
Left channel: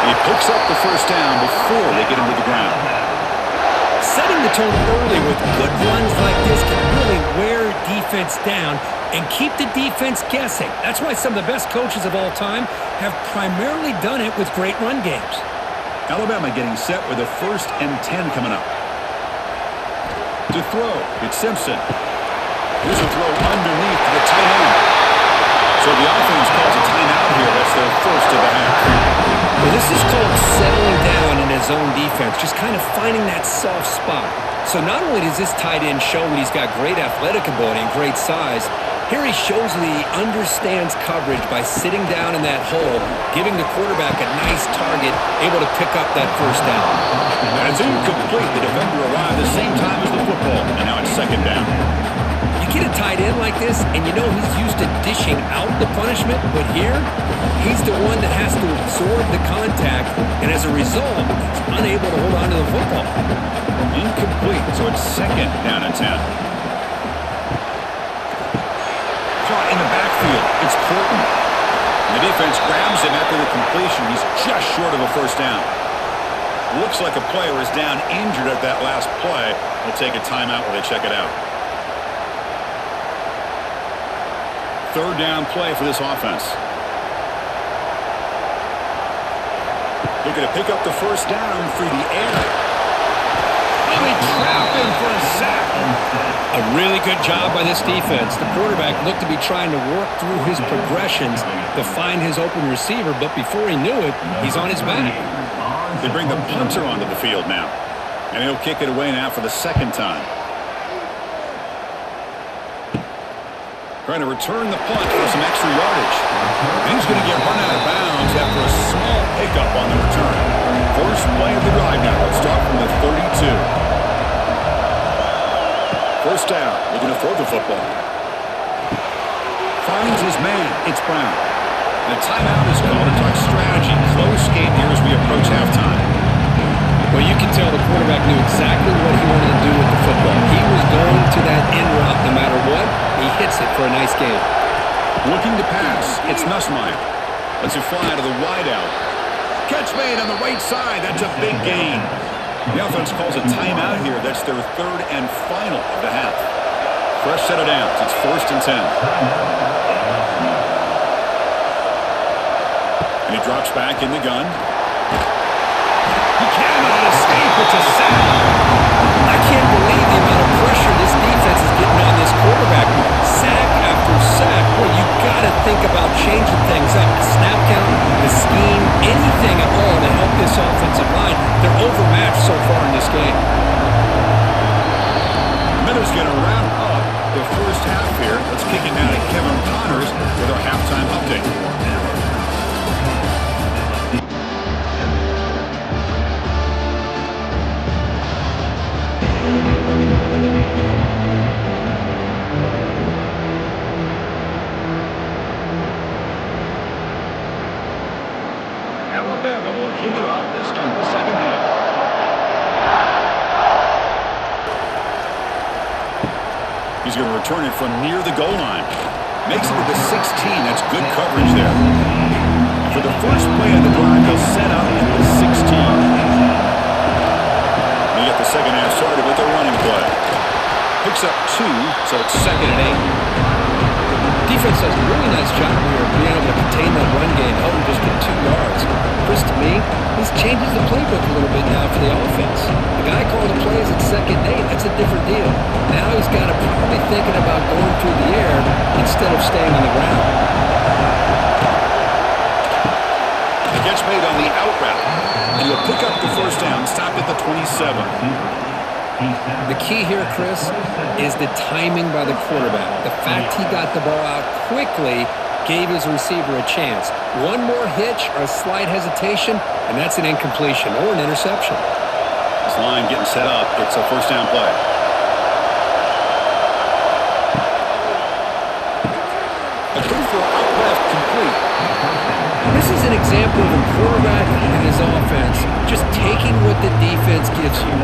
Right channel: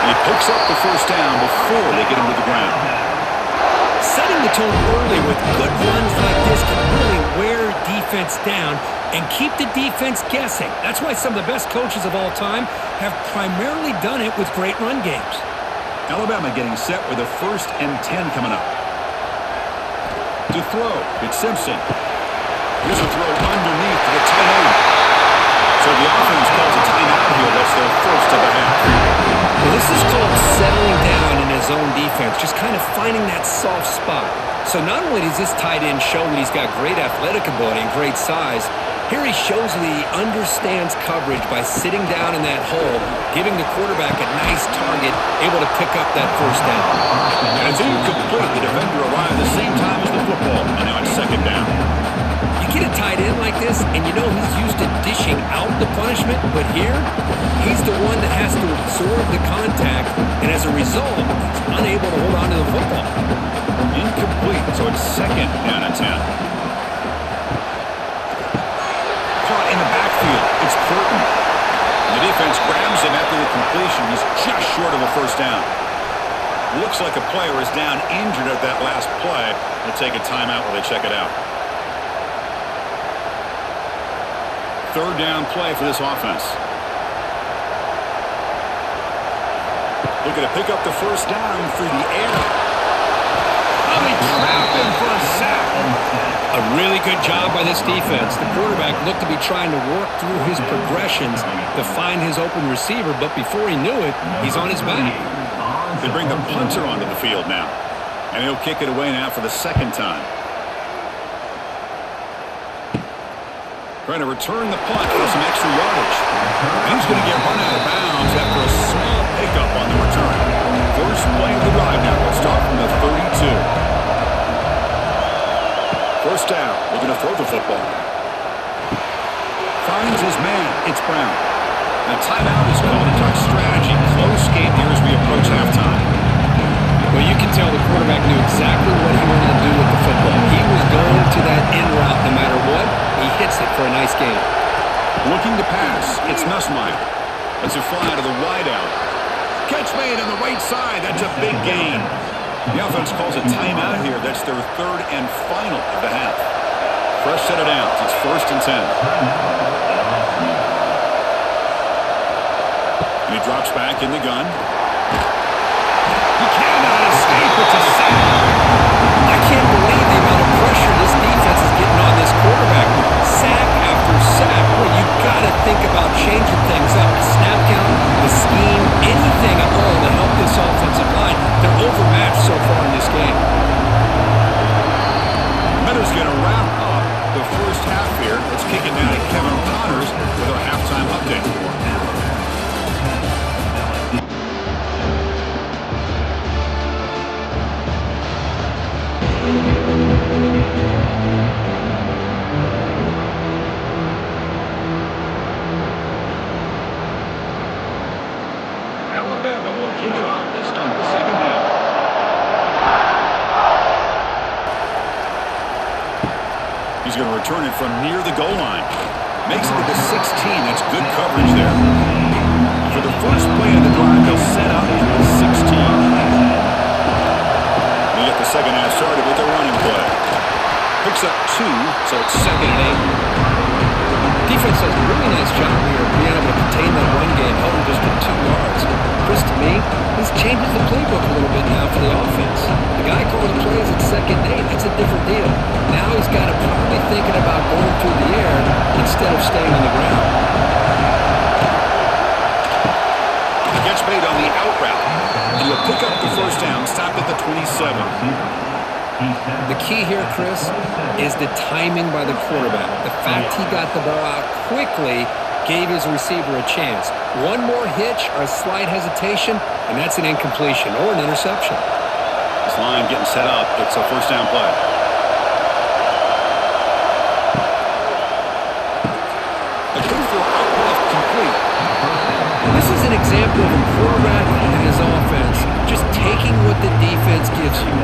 And he picks up the first down before they get him to the ground. Setting the tone early with good runs like this can really wear defense down and keep the defense guessing. That's why some of the best coaches of all time have primarily done it with great run games. Alabama getting set with a 1st and 10 coming up. To throw, it's Simpson. Here's a throw underneath to the tight end. So the offense calls a timeout here. That's their first of the half. Well, this is called settling down in his own defense, just kind of finding that soft spot. So not only does this tight end show that he's got great athletic ability and great size, here he shows that he understands coverage by sitting down in that hole, giving the quarterback a nice target, able to pick up that first down. And it's incomplete. The defender arrived the same time as the football, and now it's 2nd down. You get a tight end like this, and you know he's used to dishing out the punishment, but here, he's the one that has to absorb the contact, and as a result, he's unable to hold on to the football. Incomplete, so it's 2nd down and 10. Caught in the backfield. It's Porton. The defense grabs him after the completion. He's just short of a first down. Looks like a player is down injured at that last play. We'll take a timeout while they check it out. 3rd down play for this offense. Looking to pick up the first down through the air. Oh, they trap him for a sack. A really good job by this defense. The quarterback looked to be trying to work through his progressions to find his open receiver, but before he knew it, he's on his back. They bring the punter onto the field now, and he'll kick it away now for the 2nd time. Trying to return the punt for some extra yardage. And he's going to get run out of bounds after a small pickup on the return. First play of the drive now. They'll start from the 32. First down. Looking to throw the football. Finds his man. It's Brown. And a timeout is called to talk strategy. Close game here as we approach halftime. Well, you can tell the quarterback knew exactly what he wanted to do with the football. He was going to that in route no matter what. He hits it for a nice gain. Looking to pass. It's Nussmeier. Lets it fly to the wideout. Catch made on the right side. That's a big gain. The offense calls a timeout here. That's their 3rd and final of the half. Fresh set of downs. It's 1st and 10. And he drops back in the gun. He cannot escape. It's a sack. I can't believe the amount of pressure this defense is getting on this quarterback. Sack after sack. Well, you got to think about changing things up. The snap count, the scheme, anything at all to help this offensive line. They're overmatched so far in this game. The minute's going to wrap up the first half here. Let's kick it down to Kevin Connors with our halftime update. Alabama will kick it off to start the 2nd half. He's going to return it from near the goal line. Makes it to the 16. That's good coverage there. And for the first play of the drive, they'll set up in the 16. They get the 2nd half started with a running play. Picks up 2, so it's 2nd and 8. defense does a really nice job here of being able to contain that run game, held him just to 2 yards. Chris, to me, this changes the playbook a little bit now for the offense. The guy calling the plays at 2nd and 8, that's a different deal. Now he's got to probably thinking about going through the air instead of staying on the ground. Catch made on the out route, and he'll pick up the first down, stopped at the 27. The key here, Chris, is the timing by the quarterback. The fact he got the ball out quickly gave his receiver a chance. One more hitch or a slight hesitation, and that's an incompletion or an interception. This line getting set up. It's a first down play. A quick throw out left, complete. This is an example of a quarterback and his offense just taking what the defense gives you.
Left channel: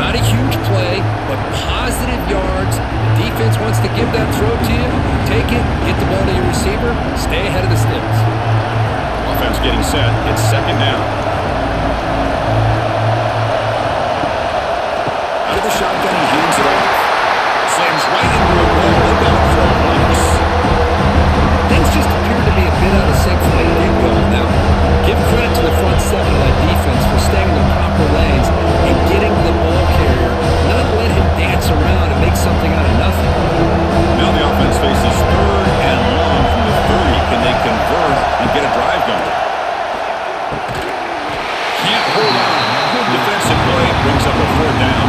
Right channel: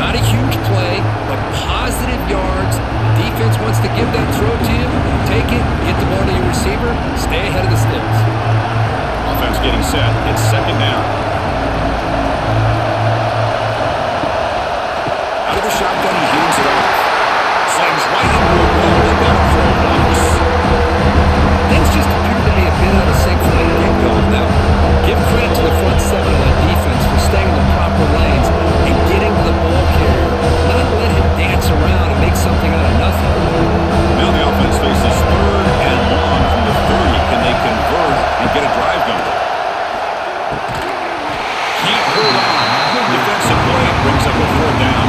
Not a huge play, but positive yards. The defense wants to give that throw to you. Take it, get the ball to your receiver, stay ahead of the sticks. Offense getting set. It's 2nd down. Out of the shotgun, he hands it off. Slams right into a wall. They've got him for a loss. Things just appear to be a bit out of sync from the get-go on that one. Give credit to the front 7 of that defense for staying in the proper lanes and getting to the ball carrier, not let him dance around and make something out of nothing. Now the offense faces 3rd and long from the 30. Can they convert and get a drive going? Can't hold on. Good defensive play. Brings up a 4th down.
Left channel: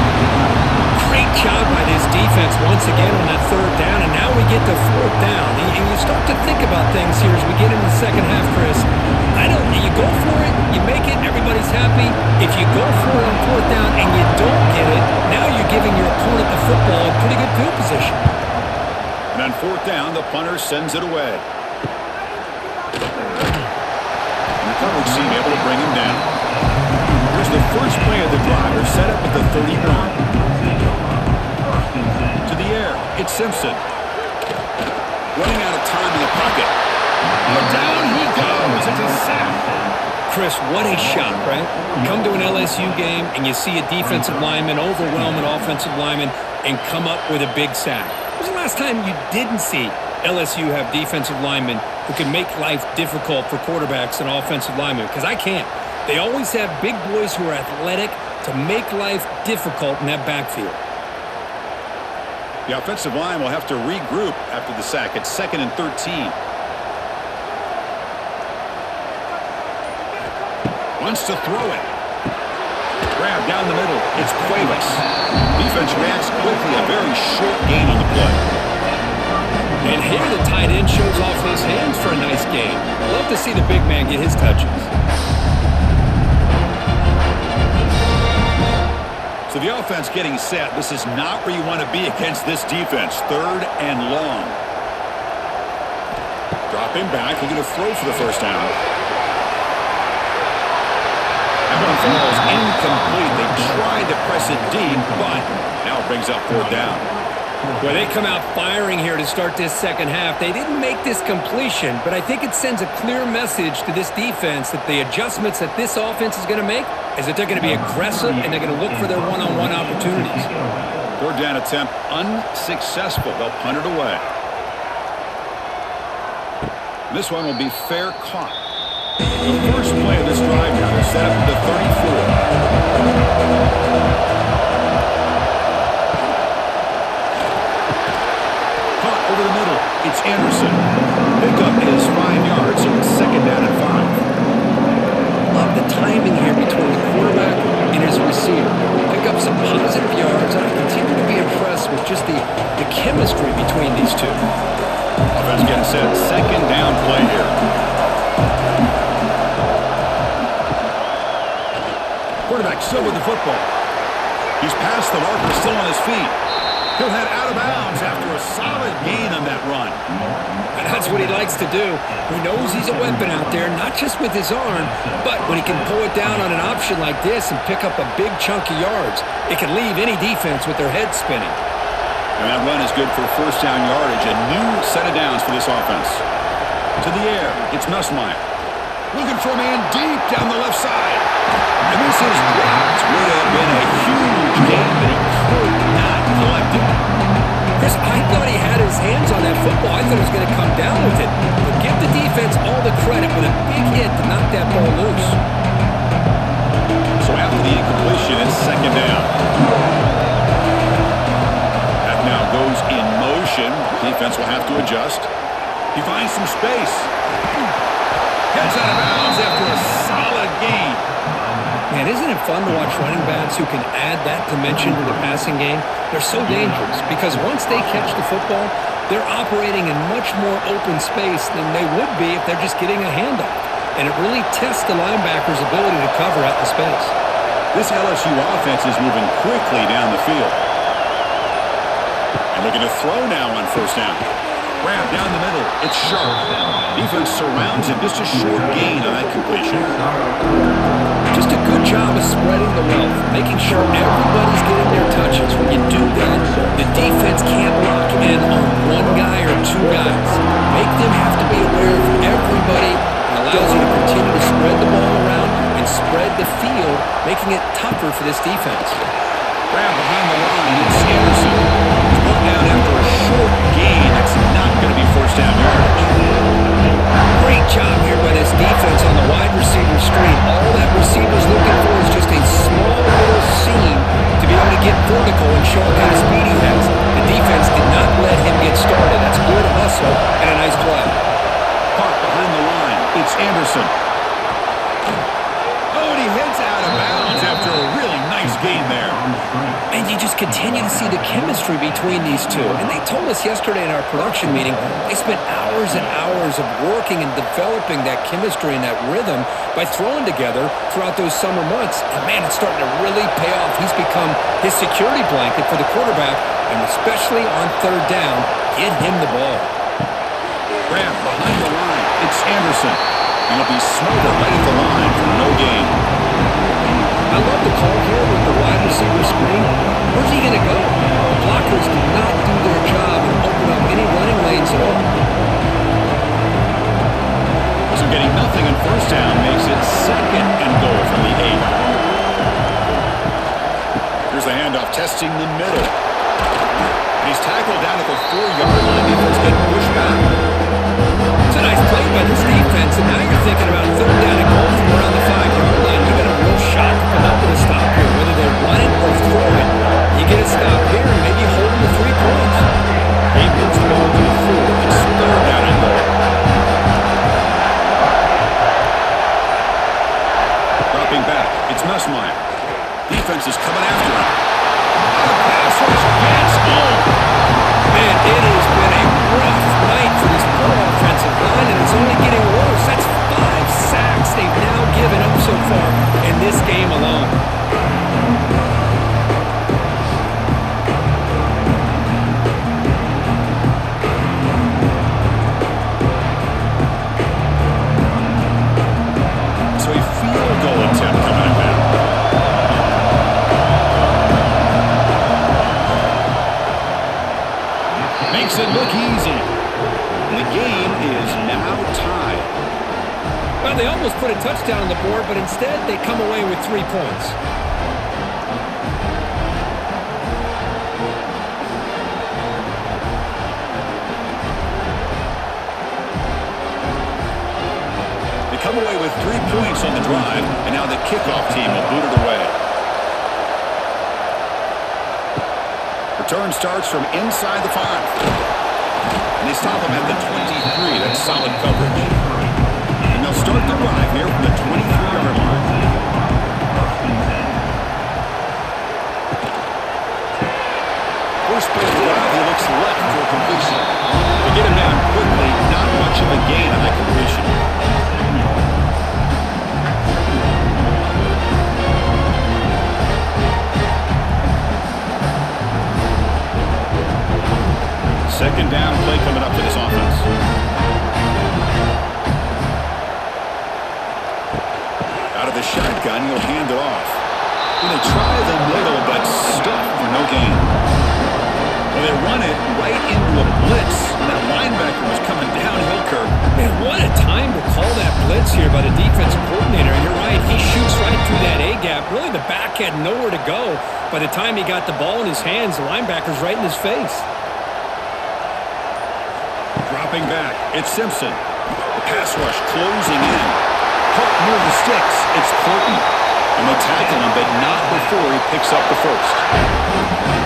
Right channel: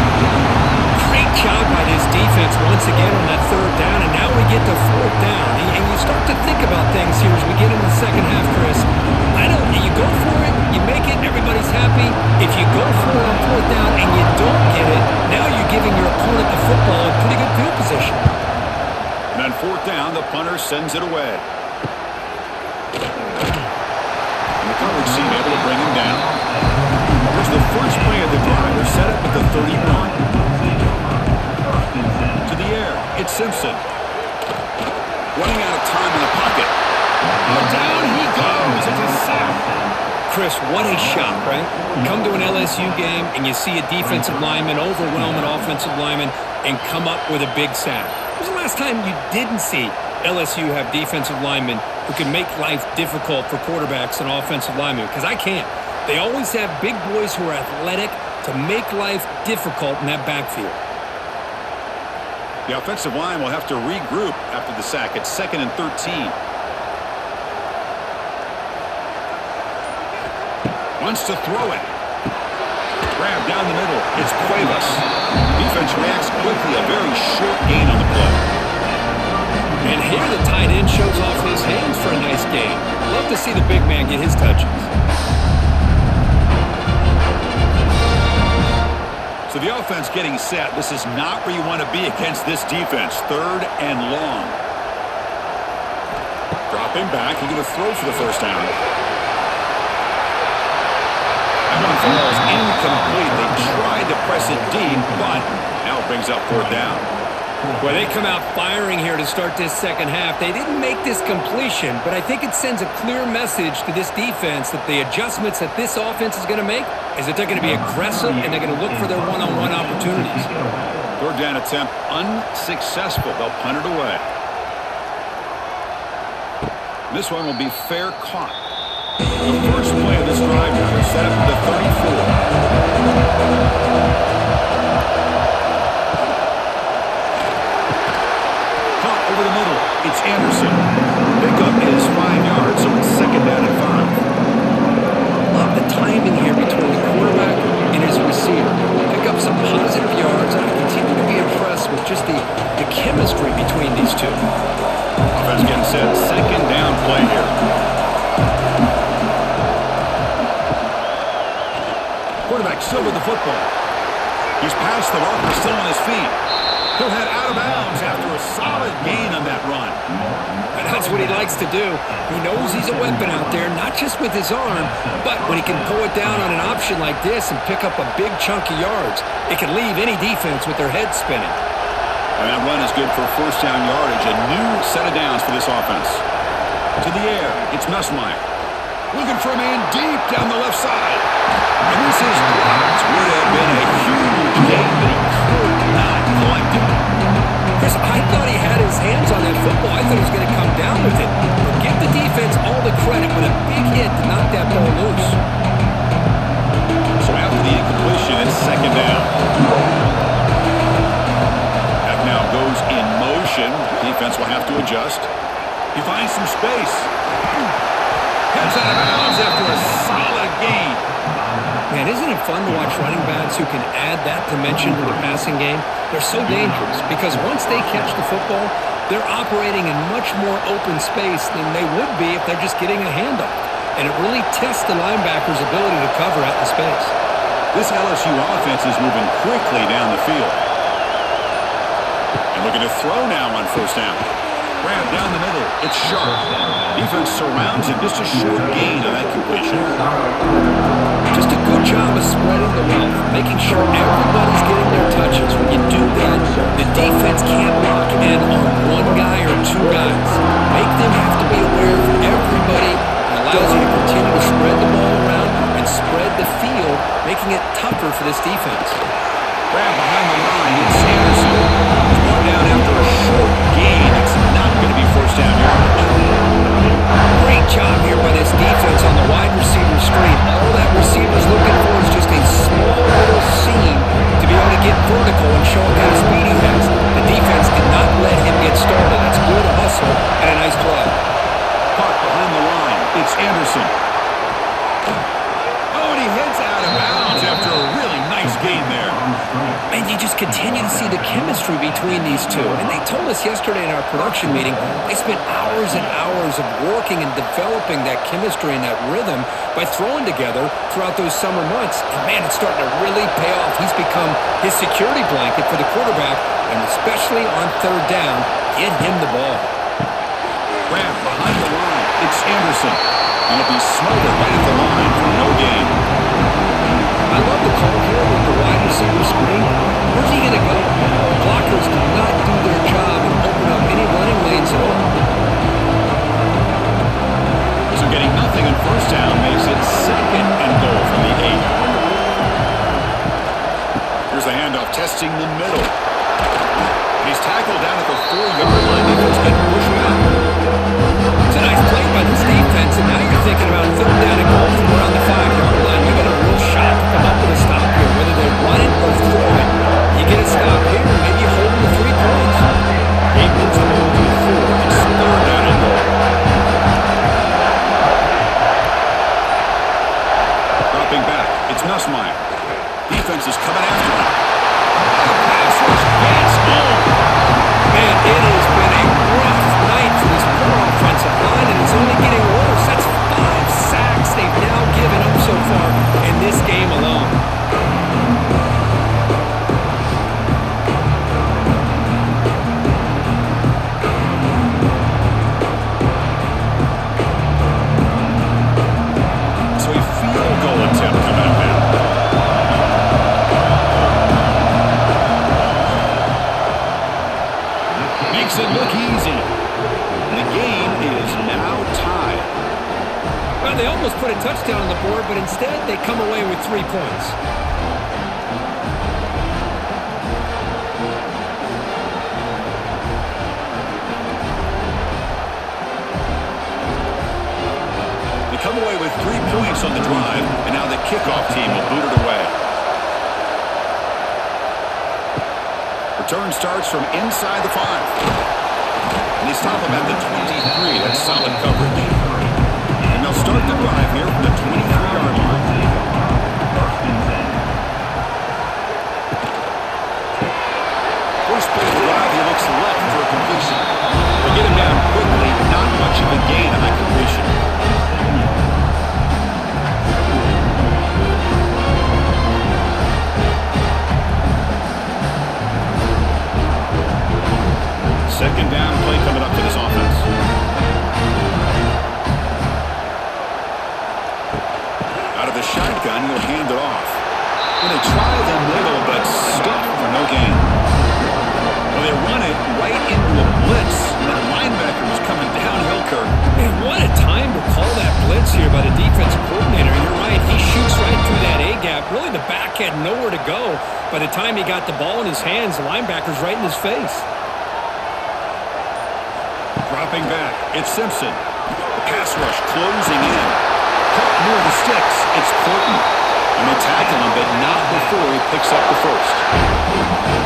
Great job by this defense once again on that 3rd down, and now we get to 4th down. And you start to think about things here as we get into the second half, Chris. I know you go for it, you make it, and everybody's happy. If you go for it on 4th down and you don't get it, now you're giving your opponent the football in pretty good field position. And on 4th down, the punter sends it away. And the coverage team able to bring him down. Here's the first play of the drive. They're set up at the 31. To the air, it's Simpson. Running out of time in the pocket. Oh, down he goes. It's a sack. Chris, what a shot, right? Come to an LSU game and you see a defensive lineman overwhelm an offensive lineman and come up with a big sack. When was the last time you didn't see LSU have defensive linemen who can make life difficult for quarterbacks and offensive linemen? Because I can't. They always have big boys who are athletic to make life difficult in that backfield. The offensive line will have to regroup after the sack. It's 2nd and 13. Wants to throw it. Grab down the middle. It's Cuevas. Defense reacts quickly. A very short gain on the play. And here the tight end shows off his hands for a nice gain. Love to see the big man get his touches. So the offense getting set. This is not where you want to be against this defense. 3rd and long. Dropping back. He's going to throw for the first down. That one falls incomplete. They tried to press it deep, but now it brings up 4th down. Well, they come out firing here to start this second half. They didn't make this completion, but I think it sends a clear message to this defense that the adjustments that this offense is going to make is that they're going to be aggressive and they're going to look for their one-on-one opportunities. 3rd down attempt unsuccessful. They'll punt it away. This one will be fair caught. The first play of this drive now. They're set up at the 34. Over the middle, it's Anderson. Pickup is 5 yards, so it's 2nd down and 5. Love the timing here between the quarterback and his receiver. Pick up some positive yards, and I continue to be impressed with just the chemistry between these two. Offense getting set. 2nd down play here. Quarterback still with the football. He's past the marker, still on his feet. He'll head out of bounds after a solid gain on that run. And that's what he likes to do. He knows he's a weapon out there, not just with his arm, but when he can pull it down on an option like this and pick up a big chunk of yards, it can leave any defense with their head spinning. And that run is good for first down yardage. A new set of downs for this offense. To the air, it's Nussmeier. Looking for a man deep down the left side. And this is dropped. Would have been a huge gain, but he could not collect it. Chris, I thought he had his hands on that football. I thought he was going to come down with it. But give the defense all the credit with a big hit to knock that ball loose. So after the incompletion, it's second down. That now goes in motion. Defense will have to adjust. He finds some space. Heads out of bounds after a solid gain. Man, isn't it fun to watch running backs who can add that dimension to the passing game? They're so dangerous because once they catch the football, they're operating in much more open space than they would be if they're just getting a handoff. And it really tests the linebacker's ability to cover out the space. This LSU offense is moving quickly down the field. And looking to throw now on first down. Grab down the middle. It's sharp. Defense surrounds him. Just a short gain on that completion. Just a good job of spreading the wealth, making sure everybody's getting their touches. When you do that, the defense can't lock in on one guy or two guys. Make them have to be aware of everybody. It allows you to continue to spread the ball around and spread the field, making it tougher for this defense. Grab behind the line. It's Anderson. He's brought down after a short gain. That's not going to be first down yardage. Great job here by this defense on the wide receiver screen. All that receiver's looking for is just a small little seam to be able to get vertical and show what kind of speed he has. The defense did not let him get started. That's good hustle and a nice play. Caught behind the line. It's Anderson. Oh, and he heads out of bounds after a really nice gain there. And you just continue to see the chemistry between these two. And they told us yesterday in our production meeting, they spent hours and hours of working and developing that chemistry and that rhythm by throwing together throughout those summer months. And man, it's starting to really pay off. He's become his security blanket for the quarterback, and especially on third down, get him the ball. Grab behind the line. It's Anderson. He'll be smothered right at the line for no gain. I love the call here with the wide receiver screen. Where's he going to go? The blockers did not do their job and open up any running lanes at all. So getting nothing on first down makes it second and goal from the 8. Here's the handoff, testing the middle. And he's tackled down at the 4-yard line. Defense getting pushed back. It's a nice play by this defense, and now you're thinking about third down and goal from around the 5-yard line. You got a real shot to come up with a stop here, whether they run it or throw it. You get a stop here, and maybe you hold them to 3 points. He moves the ball to 4. It's third down and goal. Dropping back, it's Nussmeier. Defense is coming after him. The pass rush gets home. Man, it has been a rough night for this poor offensive line, and it's only getting worse. That's 5 sacks they've now given up so far in this game alone. So a field goal attempt coming up now. Makes it look easy. The game is now tied. Well, they almost put a touchdown on the board, but instead they come away with 3 points. They come away with 3 points on the drive, and now the kickoff team will boot it away. Return starts from inside the 5. And they stop him at the 23. That's solid coverage. And they'll start the drive here from the 23-yard line. First play of the drive, he looks left for a completion. They get him down quickly, not much of a gain on that completion. Second down play coming up for this offense. Out of the shotgun, he'll hand it off. When they try the middle, but stuffed for no gain. Well, they run it right into a blitz. That linebacker was coming downhill, Kirk. Man, what a time to call that blitz here by the defensive coordinator. And you're right, he shoots right through that A-gap. Really, the back had nowhere to go. By the time he got the ball in his hands, the linebacker's right in his face. dropping back. It's Simpson. The pass rush closing in. Caught near the sticks. It's Horton. And they tackle him, but not before he picks up the first.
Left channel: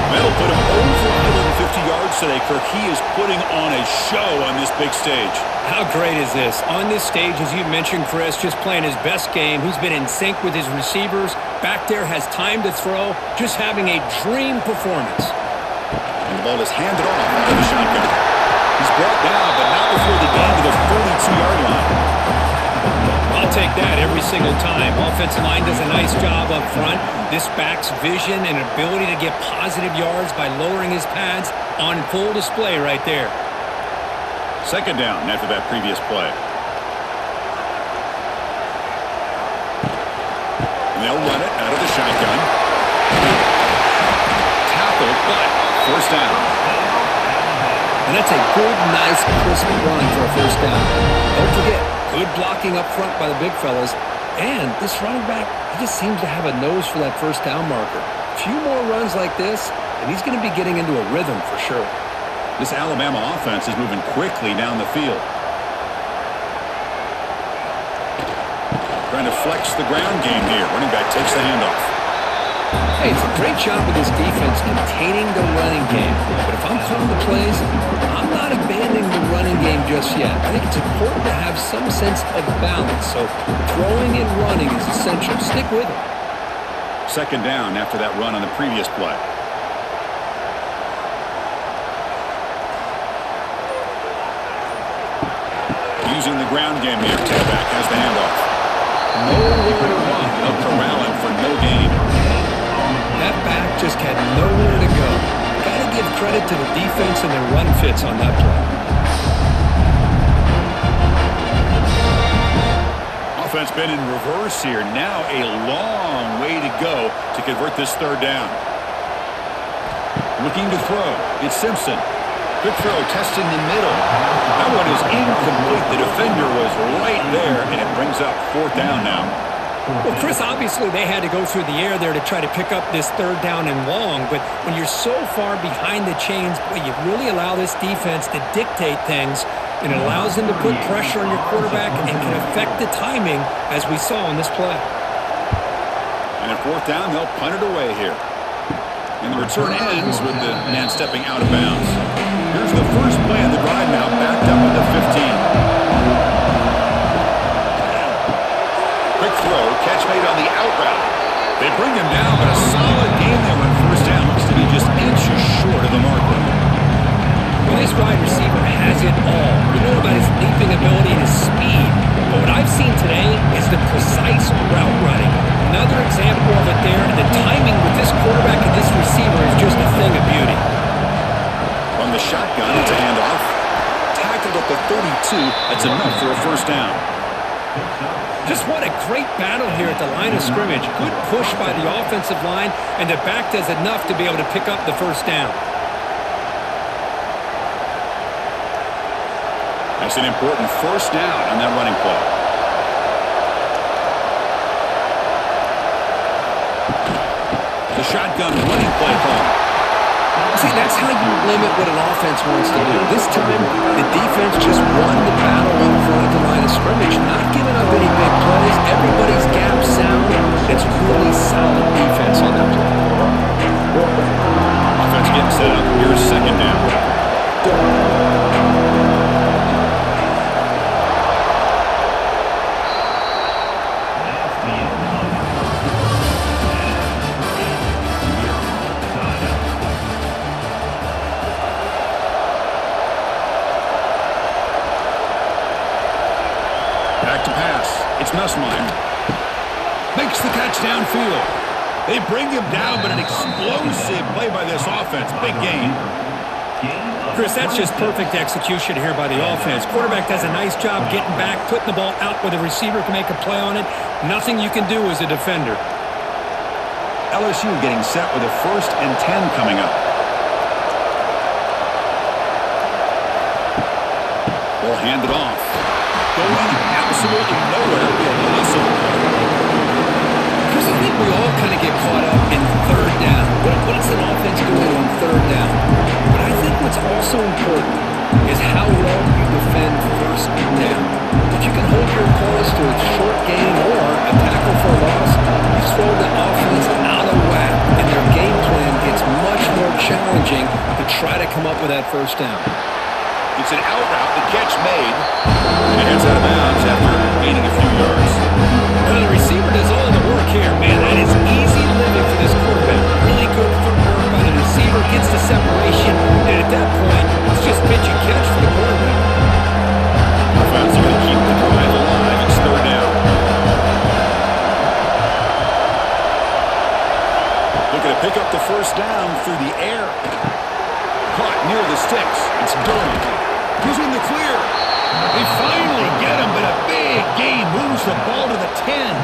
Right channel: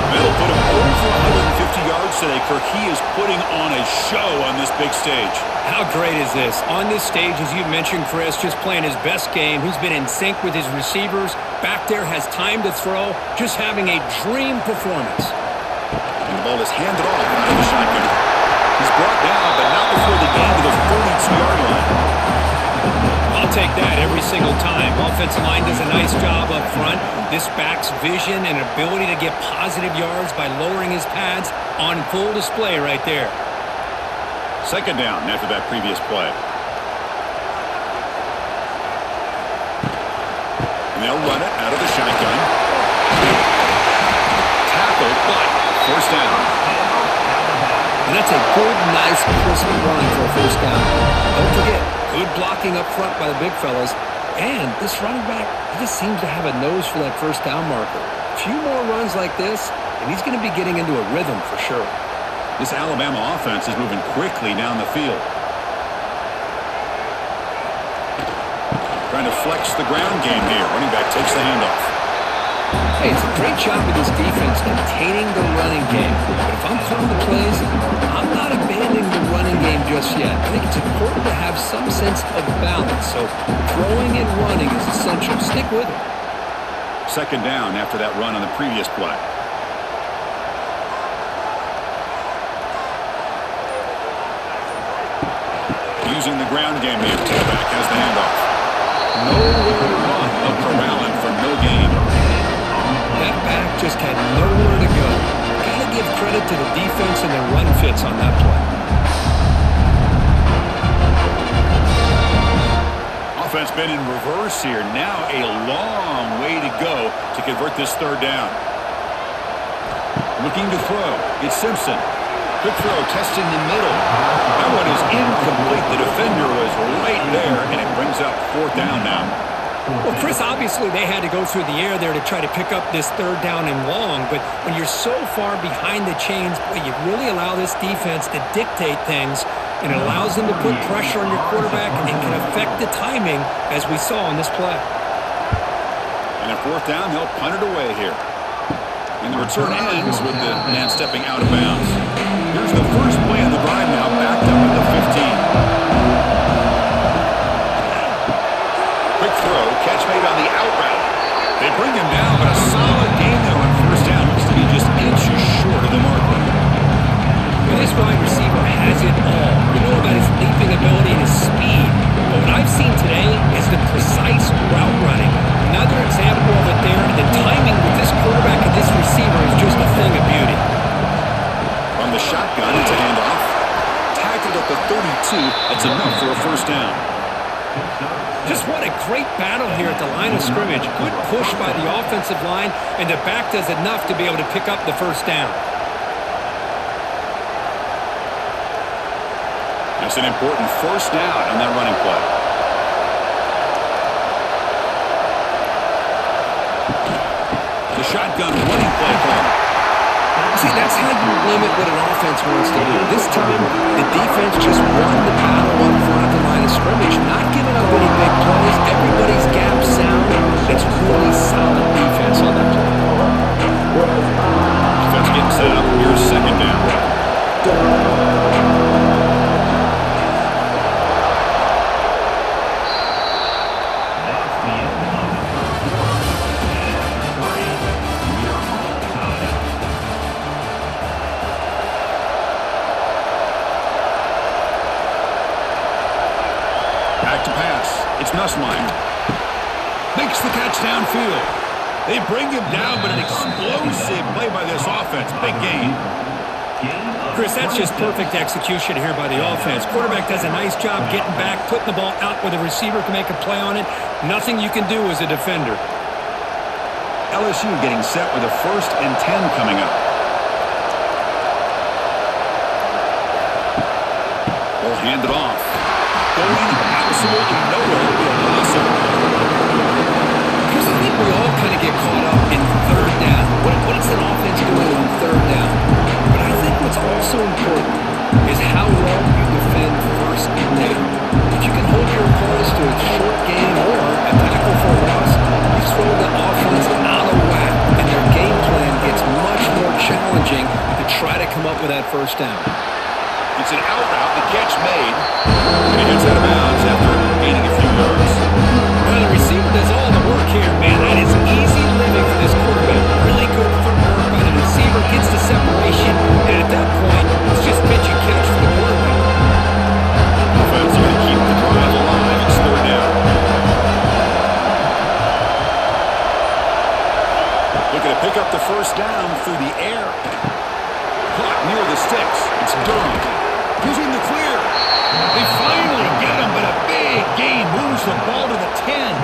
That'll put him over 150 yards today, Kirk. He is putting on a show on this big stage. How great is this? On this stage, as you mentioned, Chris, just playing his best game. He's been in sync with his receivers. Back there, has time to throw. Just having a dream performance. And the ball is handed off out of the shotgun. He's brought down, but not before the gain to the 42-yard line. I'll take that every single time. Offensive line does a nice job up front. This back's vision and ability to get positive yards by lowering his pads on full display right there. Second down after that previous play. And they'll run it out of the shotgun. Tackled, but first down. And that's a good, nice, crisp run for a first down. Don't forget, good blocking up front by the big fellas. And this running back, he just seems to have a nose for that first down marker. A few more runs like this, and he's going to be getting into a rhythm for sure. This Alabama offense is moving quickly down the field. Trying to flex the ground game here. Running back takes the handoff. Hey, it's a great job of this defense containing the running game. But if I'm calling the plays, I'm not abandoning the running game just yet. I think it's important to have some sense of balance. So throwing and running is essential. Stick with it. Second down after that run on the previous play. Using the ground game here. Tailback has the handoff. Nowhere to run. They'll corral him for no gain. That back just had nowhere to go. Got to give credit to the defense and their run fits on that play. Offense been in reverse here. Now a long way to go to convert this third down. Looking to throw. It's Simpson. Quick throw, testing the middle. That one is incomplete. The defender was right there, and it brings up fourth down now. Well, Chris, obviously they had to go through the air there to try to pick up this third down and long, but when you're so far behind the chains, boy, you really allow this defense to dictate things, and it allows them to put pressure on your quarterback and can affect the timing, as we saw on this play. And at fourth down, they'll punt it away here. And the return ends with the man stepping out of bounds. Here's the first play of the drive now, backed up at the 15. Quick throw, catch made on the out route. They bring him down, but a solid gain there on first down. Looks to be just inches short of the marker. Well, this wide receiver has it all. You know about his leaping ability and his speed. But what I've seen today is the precise route running. Another example of it there. And the timing with this quarterback and this receiver is just a thing of beauty. From the shotgun, it's a handoff. Tackled at the 32. That's enough for a first down. Just what a great battle here at the line of scrimmage. Good push by the offensive line, and the back does enough to be able to pick up the first down. That's an important first down on that running play. The shotgun running play call. See, that's how you limit what an offense wants to do. This time, the defense just won the battle up front at the line of scrimmage, not giving up any big plays. Everybody's gap sound. It's really solid defense on that play. Offense getting set up. Here's second down. That's the end of the first quarter. And after 3, we are all tied up. Back to pass. It's Nussmeier. Makes the catch downfield. They bring him down, but an explosive play by this offense. Big gain. Chris, that's just perfect execution here by the offense. Quarterback does a nice job getting back, putting the ball out where the receiver can make a play on it. Nothing you can do as a defender. LSU getting set with a 1st and 10 coming up. Ball handed off. Going absolutely nowhere. That would be a loss of Chris, I think we all kind of get caught up in third down. What's an offense doing on third down? But I think what's also important is how well you defend first down. If you can hold your opponents to a short gain or a tackle for a loss, you throw the offense out of whack, and their game plan gets much more challenging to try to come up with that first down. It's an out route, the catch made, and he heads out of bounds after gaining a few yards. Now the receiver does all the work here. Man, that is easy living for this quarterback. Really good footwork by the receiver, gets the separation, and at that point, it's just pitch and catch for the quarterback. Offense going to keep the drive alive. It's third down. Looking to pick up the first down through the air. Caught near the sticks. It's Durham. He's in the clear. They finally get him, but a big gain moves the ball to the 10.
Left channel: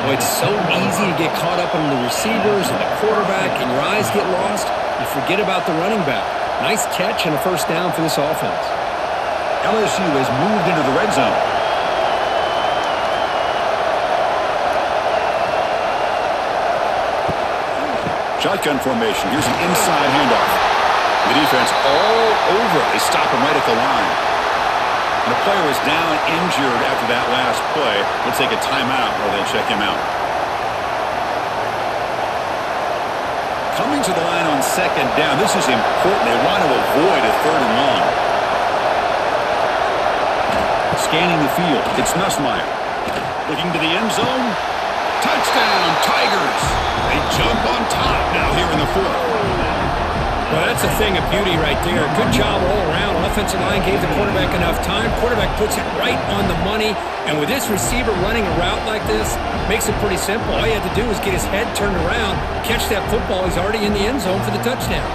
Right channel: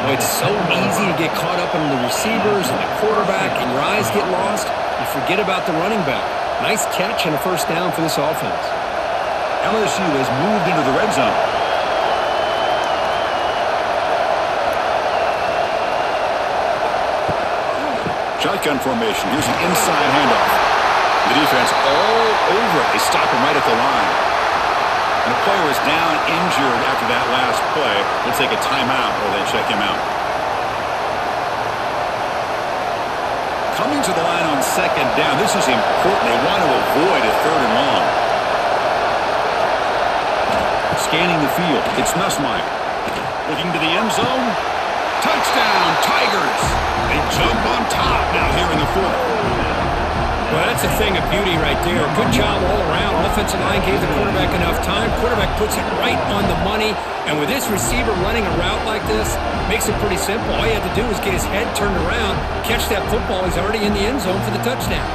Well, it's so easy to get caught up in the receivers and the quarterback, and your eyes get lost. You forget about the running back. Nice catch and a first down for this offense. LSU has moved into the red zone. Shotgun formation. Here's an inside handoff. The defense all over it. They stop him right at the line. And a player is down injured after that last play. We'll take a timeout while they check him out. Coming to the line on second down. This is important. They want to avoid a third and long. Scanning the field. It's Nussmeier. Looking to the end zone. Touchdown, Tigers. They jump on top now here in the fourth. Well, that's a thing of beauty right there. Good job all around. Offensive line gave the quarterback enough time. Quarterback puts it right on the money. And with this receiver running a route like this, makes it pretty simple. All you had to do was get his head turned around, catch that football. He's already in the end zone for the touchdown.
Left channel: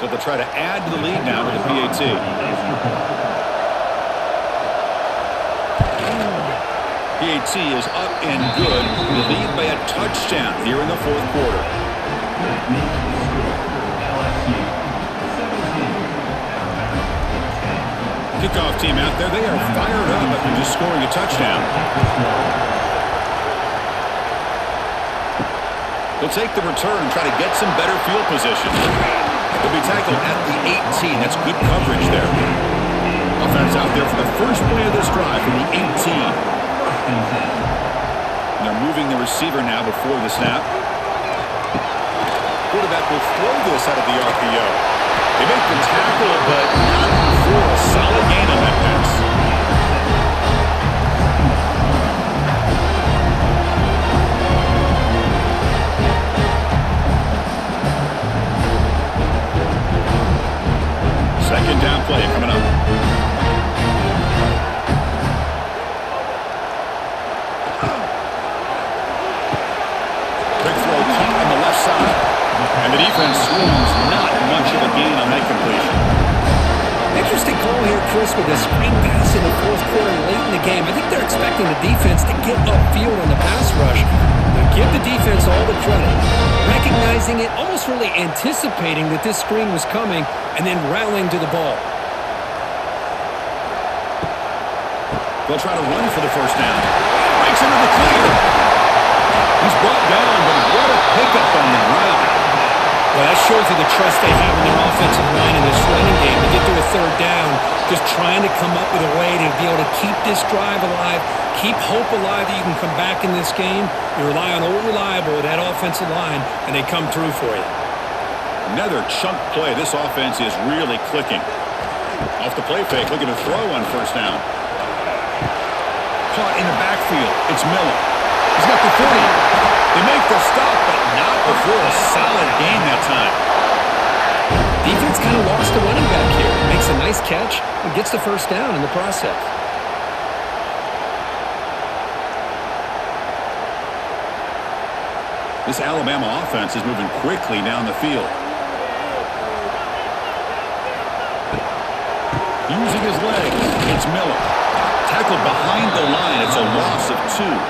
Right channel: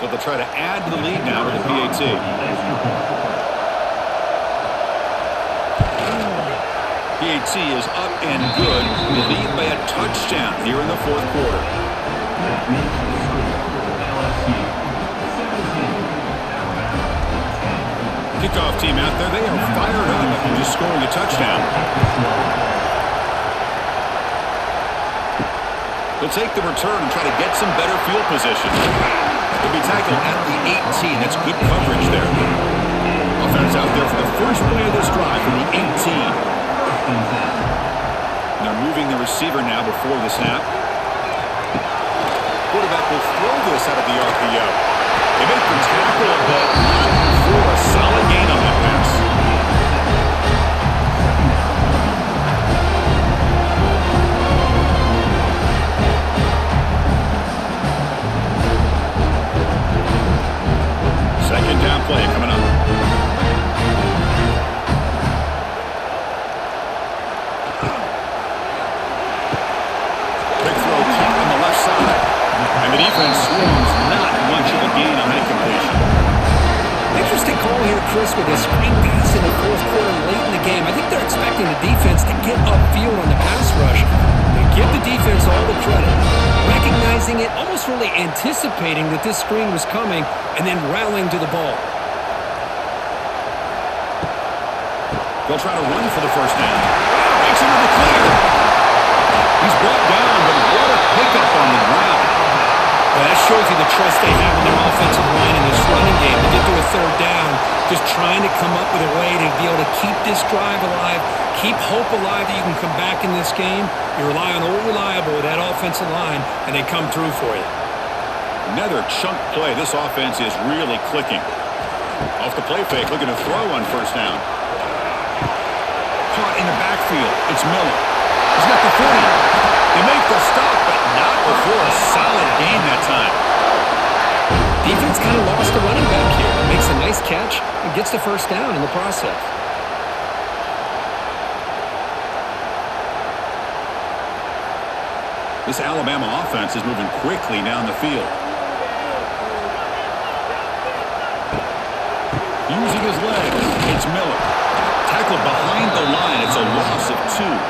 So they'll try to add to the lead now with the PAT. PAT is up and good. We lead by a touchdown here in the fourth quarter. That makes the score LSU 17, Alabama 10. Kickoff team out there. They are fired up after just scoring a touchdown. They'll take the return and try to get some better field position. He'll be tackled at the 18. That's good coverage there. Offense out there for the first play of this drive from the 18. And they're moving the receiver now before the snap. Quarterback will throw this out of the RPO. They make the tackle, but not for a solid gain on that pass. Second down play coming up. Big throw caught on the left side. And the defense swarms. Not much of a gain on that completion. Interesting call here, Chris, with a screen pass in the fourth quarter late in the game. I think they're expecting the defense to get upfield on the pass rush. But give the defense all the credit. Recognizing it, almost really anticipating that this screen was coming, and then rallying to the ball. They'll try to run for the first down. Breaks into the clear. He's brought down, but what a pickup on the ground. Well, that shows you the trust they have in their offensive line in this running game to get to a third down, just trying to come up with a way to be able to keep this drive alive, keep hope alive that you can come back in this game. You rely on old reliable, that offensive line, and they come through for you. Another chunk play. This offense is really clicking. Off the play fake, looking to throw on first down. Caught in the backfield. It's Miller. He's got the 40. They make the stop, but not before a solid gain that time. Defense kind of lost the running back here. Makes a nice catch and gets the first down in the process. This Alabama offense is moving quickly down the field. Using his legs, it's Miller. Tackled behind the line. It's a loss of 2.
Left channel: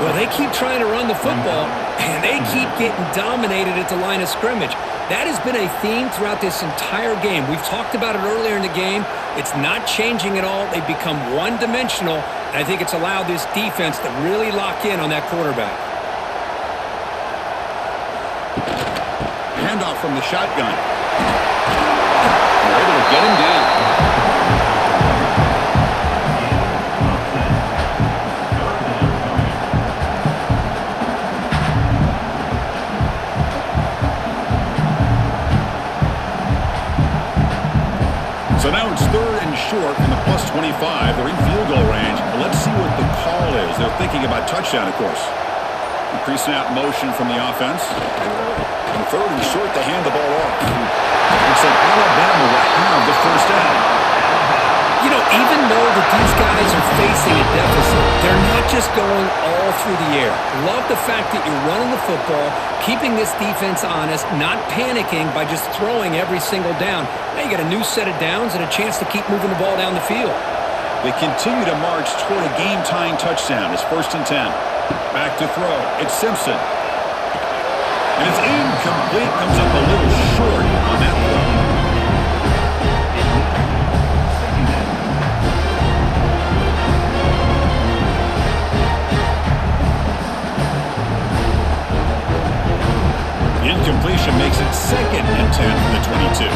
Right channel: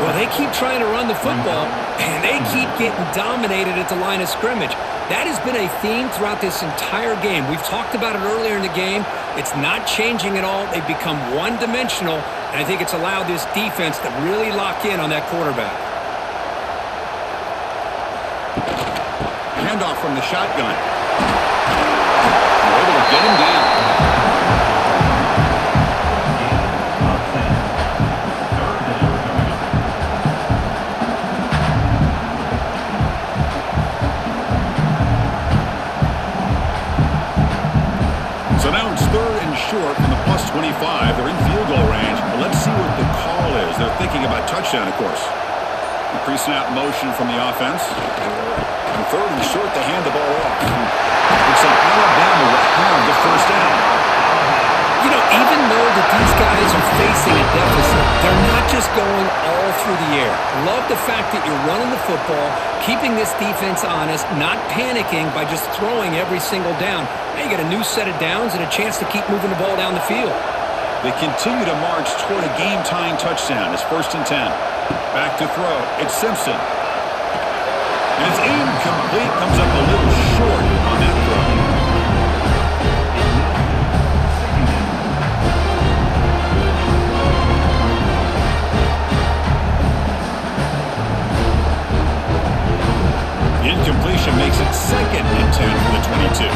Well, they keep trying to run the football, and they keep getting dominated at the line of scrimmage. That has been a theme throughout this entire game. We've talked about it earlier in the game. It's not changing at all. They've become one-dimensional, and I think it's allowed this defense to really lock in on that quarterback. Handoff from the shotgun. They're able to get him down. So now it's 3rd and short from the plus 25. They're in field goal range. But let's see what the call is. They're thinking about touchdown, of course. Pre-snap motion from the offense. And 3rd and short, they hand the ball off. Looks like Alabama will have the first down. You know, even though that these guys are facing a deficit, they're not just going all through the air. Love the fact that you're running the football, keeping this defense honest, not panicking by just throwing every single down. Now you got a new set of downs and a chance to keep moving the ball down the field. They continue to march toward a game-tying touchdown. It's 1st and 10. Back to throw. It's Simpson. And it's incomplete. Comes up a little short on that throw. Incompletion makes it 2nd and 10 from the 22.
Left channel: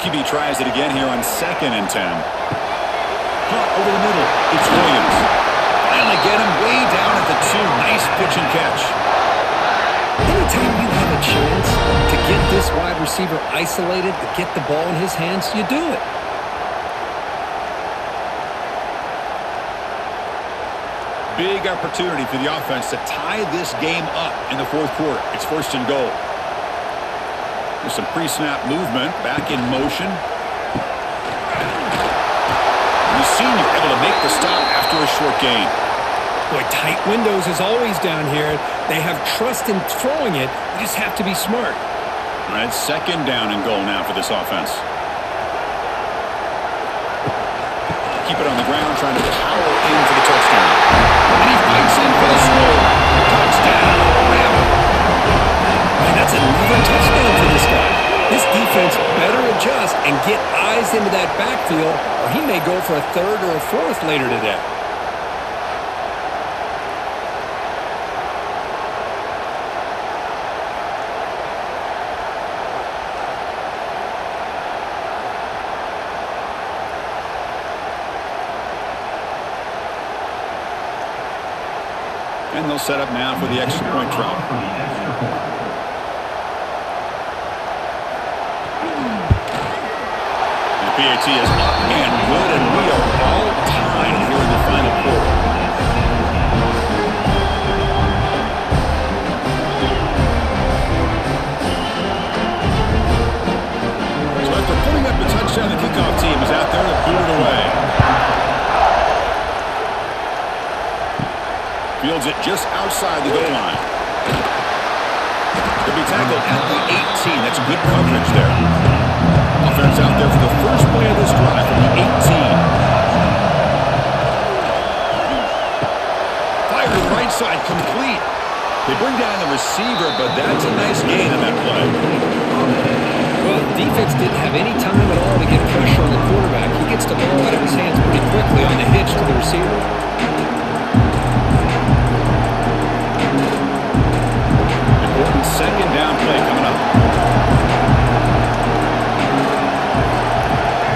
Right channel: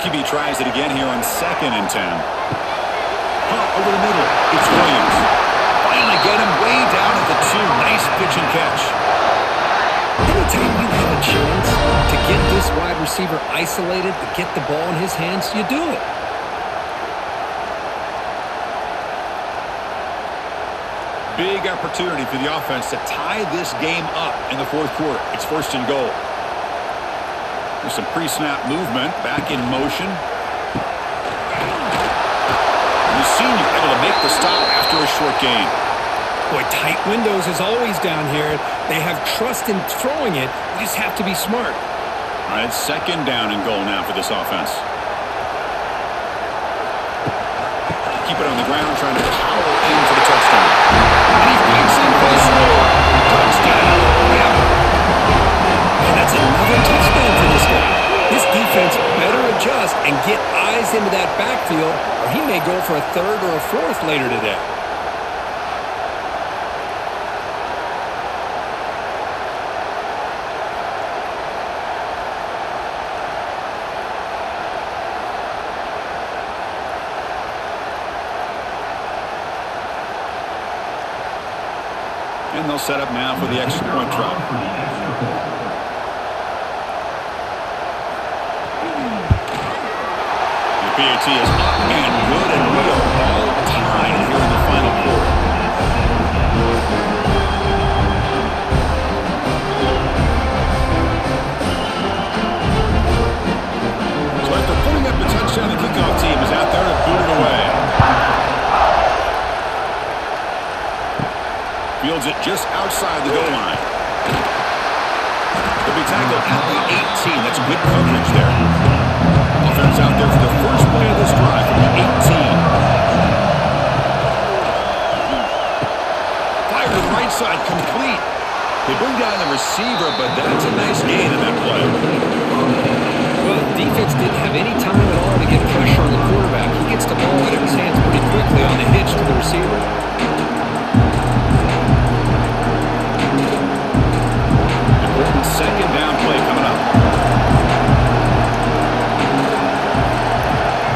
QB tries it again here on 2nd and 10. Caught over the middle. It's Williams. Finally get him way down at the 2. Nice pitch and catch. Anytime you have a chance to get this wide receiver isolated, to get the ball in his hands, you do it. Big opportunity for the offense to tie this game up in the 4th quarter. It's 1st and goal. There's some pre-snap movement. Back in motion. The senior able to make the stop after a short gain. Boy, tight windows is always down here. They have trust in throwing it. You just have to be smart. All right, 2nd down and goal now for this offense. Keep it on the ground, trying to power in for the touchdown. And he fights in for the score. Touchdown, Bama. And that's another touchdown for this guy. This defense better adjust and get eyes into that backfield, or he may go for a 3rd or a 4th later today. And they'll set up now for the extra point try. The PAT is up and good, and we are all tied here in the final quarter. So after putting up the touchdown, the kickoff team is out there to boot it away. Fields it just outside the goal line. He'll be tackled at the 18. That's good coverage there. Offense out there for the first play of this drive from the 18. Fire to the right side, complete. They bring down the receiver, but that's a nice gain on that play. Well, the defense didn't have any time at all to get pressure on the quarterback. He gets the ball out of his hands pretty quickly on the hitch to the receiver. Important 2nd down play coming up.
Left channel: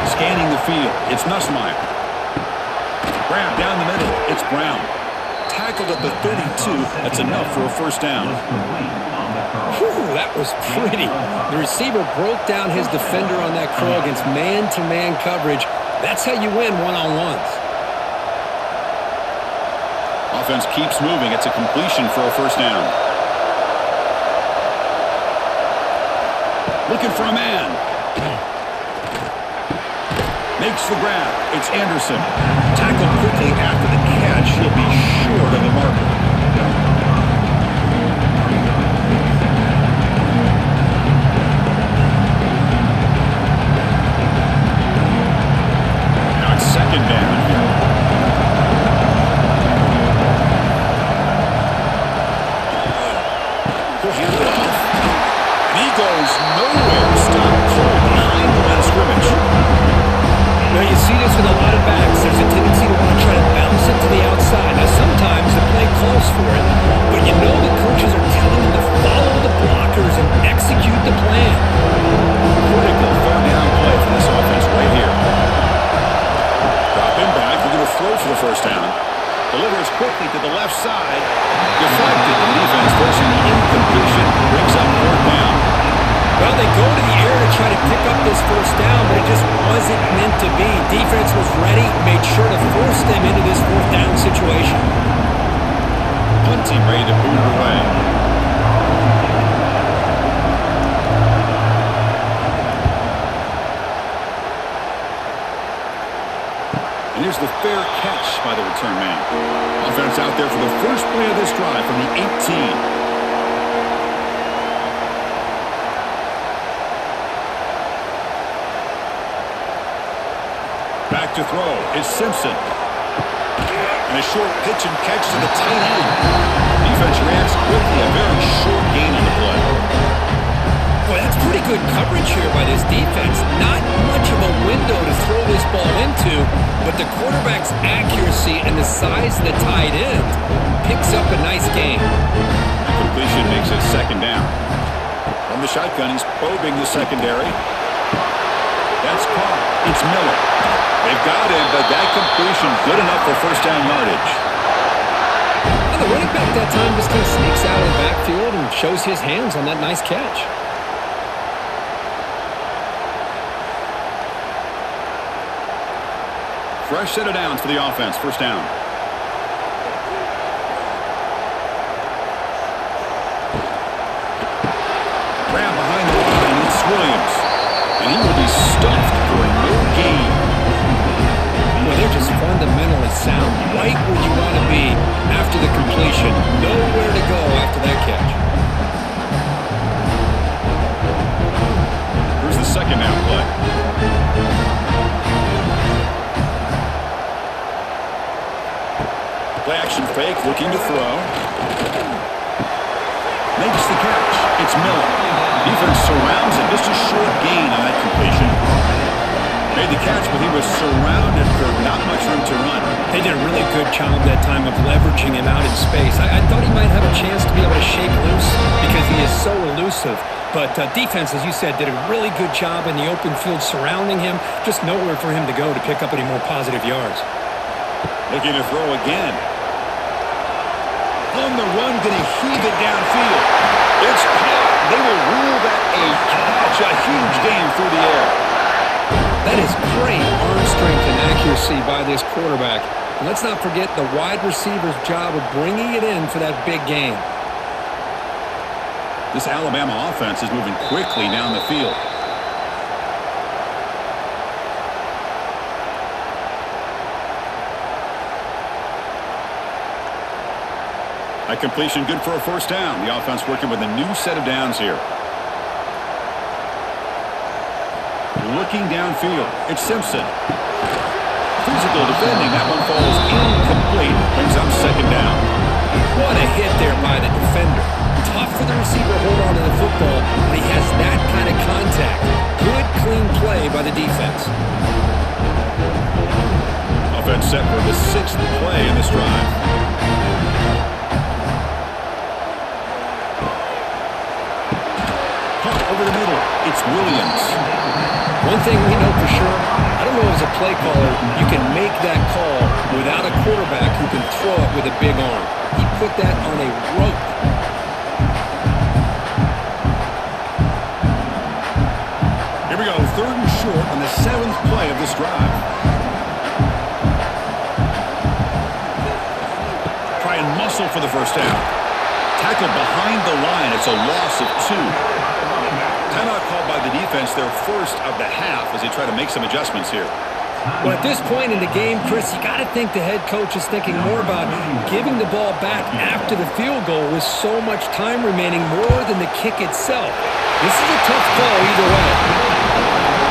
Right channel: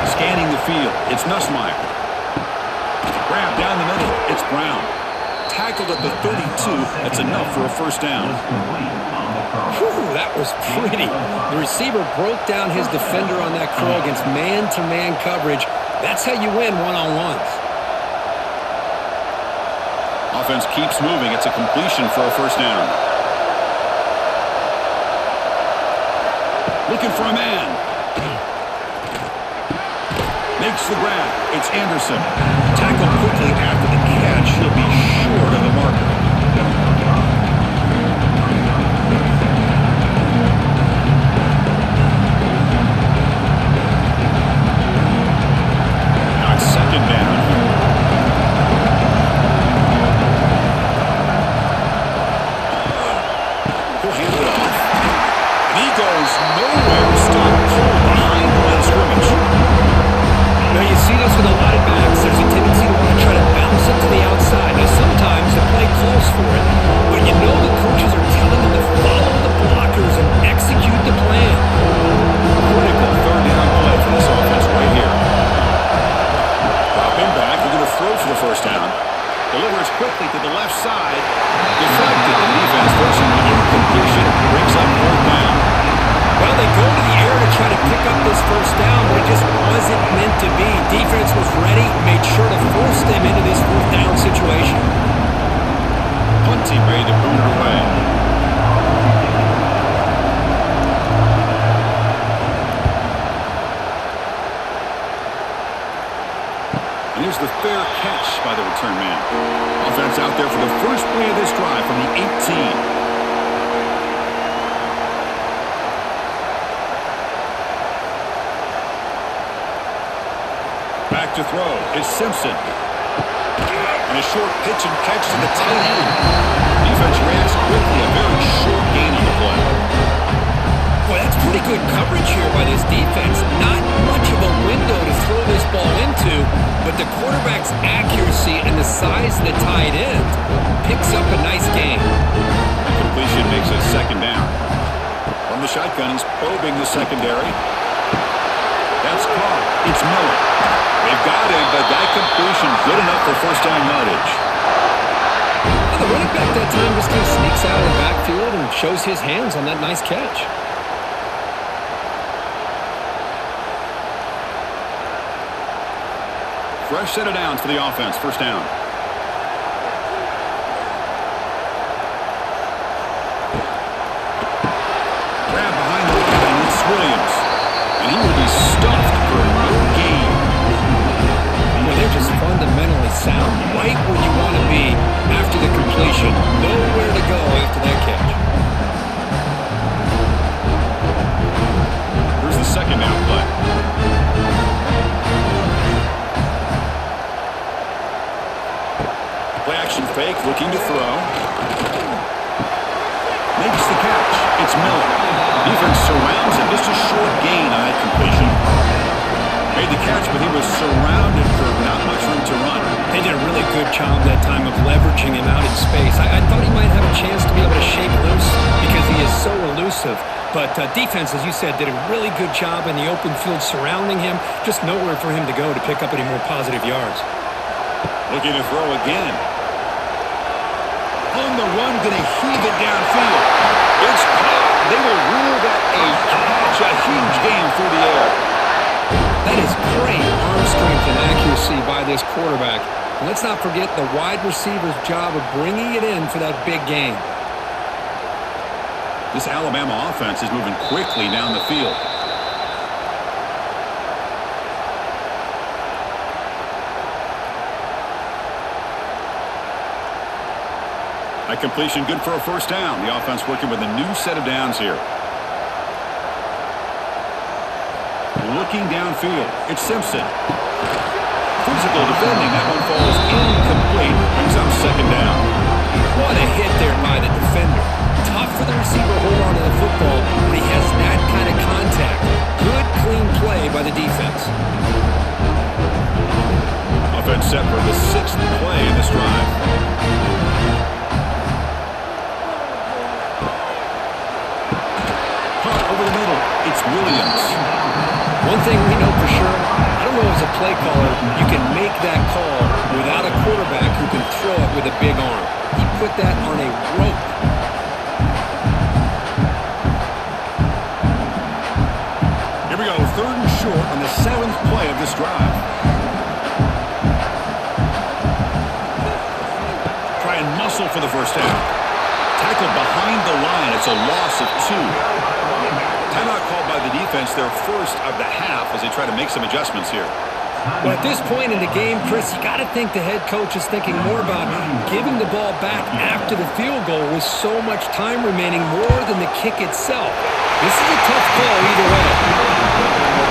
Scanning the field, it's Nussmeier. Grab down the middle, it's Brown. Tackled at the 32, that's enough for a 1st down. Whew, that was pretty. The receiver broke down his defender on that curl against man-to-man coverage. That's how you win one-on-ones. Offense keeps moving, it's a completion for a 1st down. Looking for a man. Makes the grab. It's Anderson. Tackled quickly after the catch. He'll be short of the marker. goes nowhere. Stopped cold behind the line of scrimmage. Now, you see this with a lot of backs. There's a tendency to want to try to bounce it to the outside. Now, sometimes the play calls for it, but you know the coaches are telling them to follow the blockers and execute the plan. Critical third down play for this offense right here. Dropping back, looking to throw for the first down. Delivers quickly to the left side. Deflected, and the defense forcing the incompletion. Brings up fourth down. Well, they go to the air to try to pick up this first down, but it just wasn't meant to be. Defense was ready, made sure to force them into this fourth down situation. Punt team ready to boot it away. And here's the fair catch by the return man. Offense out there for the first play of this drive from the 18. Back to throw is Simpson. And a short pitch and catch to the tight end. Defense reacts quickly. A very short gain on the play. Boy, that's pretty good coverage here by this defense. Not much of a window to throw this ball into, but the quarterback's accuracy and the size of the tight end picks up a nice gain. That completion makes it second down. From the shotgun, he's probing the secondary. That's caught. It's Miller. They've got him, but that completion good enough for first down yardage. Well, the running back that time just kind of sneaks out of the backfield and shows his hands on that nice catch. Fresh set of downs for the offense. First down. Grab behind the line. It's Williams. And he will be stuffed for no gain. Well, they're just fundamentally sound, right where you want to be after the completion. Nowhere to go after that catch. Here's the second down play. Play action fake, looking to throw. Makes the catch. It's Miller. Defense surrounds him. Just a short gain on that completion. Made the catch, but he was surrounded for not much room to run. They did a really good job that time of leveraging him out in space. I thought he might have a chance to be able to shake loose because he is so elusive. But defense, as you said, did a really good job in the open field surrounding him. Just nowhere for him to go to pick up any more positive yards. Looking to throw again. On the run, going to heave it downfield. It's caught. They will rule that a catch, a huge gain through the air. That is great arm strength and accuracy by this quarterback. And let's not forget the wide receiver's job of bringing it in for that big gain. This Alabama offense is moving quickly down the field. A completion good for a first down. The offense working with a new set of downs here. Looking downfield. It's Simpson. Physical defending. That one falls incomplete. Brings up second down. What a hit there by the defender. Tough for the receiver to hold on to the football when he has that kind of contact. Good, clean play by the defense. Offense set for the sixth play in this drive. Caught over the middle. It's Williams. One thing we know for sure, I don't know as a play caller, you can make that call without a quarterback who can throw it with a big arm. He put that on a rope. Here we go, third and short on the seventh play of this drive. Try and muscle for the first down. Tackled behind the line. It's a loss of 2. Timeout called by the defense, their first of the half, as they try to make some adjustments here. Well, at this point in the game, Chris, you got to think the head coach is thinking more about giving the ball back after the field goal with so much time remaining more than the kick itself. This is a tough call either way.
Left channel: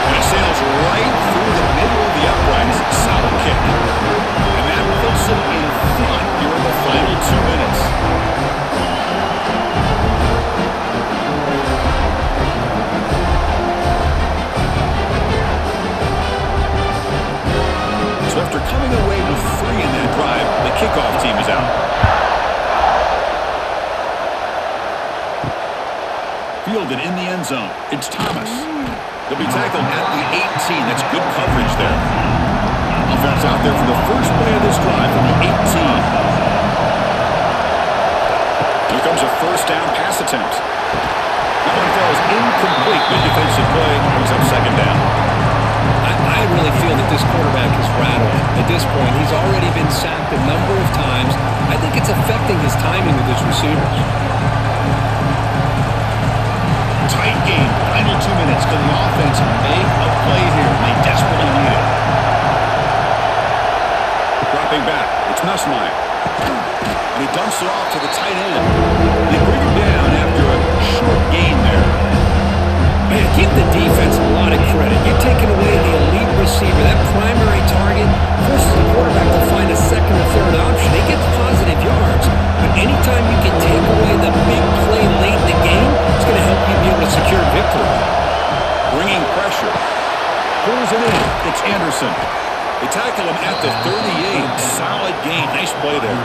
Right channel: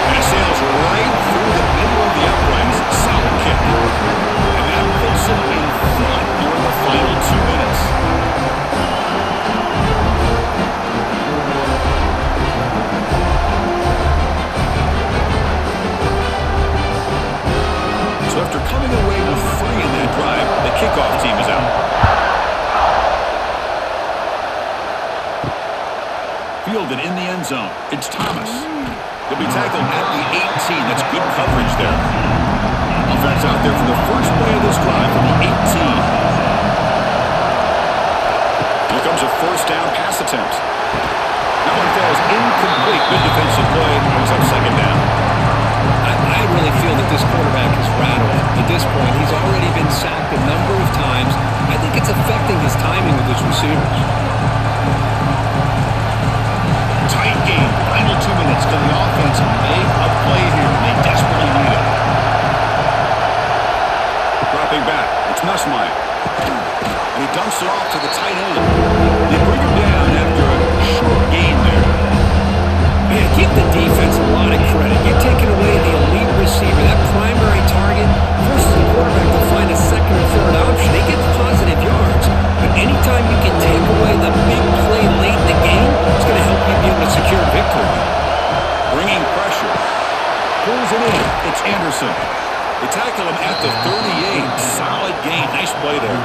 And it sails right through the middle of the uprights. Solid kick. And that puts them in front here in the final 2 minutes. coming away with 3 in that drive. The kickoff team is out. Fielded in the end zone. It's Thomas. He'll be tackled at the 18. That's good coverage there. Offense out there for the first play of this drive for the 18. Here comes a first down pass attempt. That one falls incomplete. Good defensive play. Brings up second down. I really feel that this quarterback is rattled. At this point, he's already been sacked a number of times. I think it's affecting his timing with his receivers. Tight game. Final 2 minutes. Can the offense make a play here? They desperately need it. Dropping back. It's Nussmeier. And he dumps it off to the tight end. They bring him down after a short gain there. Man, give the defense a lot of credit. You're taking away the elite receiver. That primary target forces the quarterback to find a second or third option. He gets positive yards, but anytime you can take away the big play late in the game, it's going to help you be able to secure victory. Bringing pressure. Pulls it in. It's Anderson. They tackle him at the 38. Solid gain. Nice play there.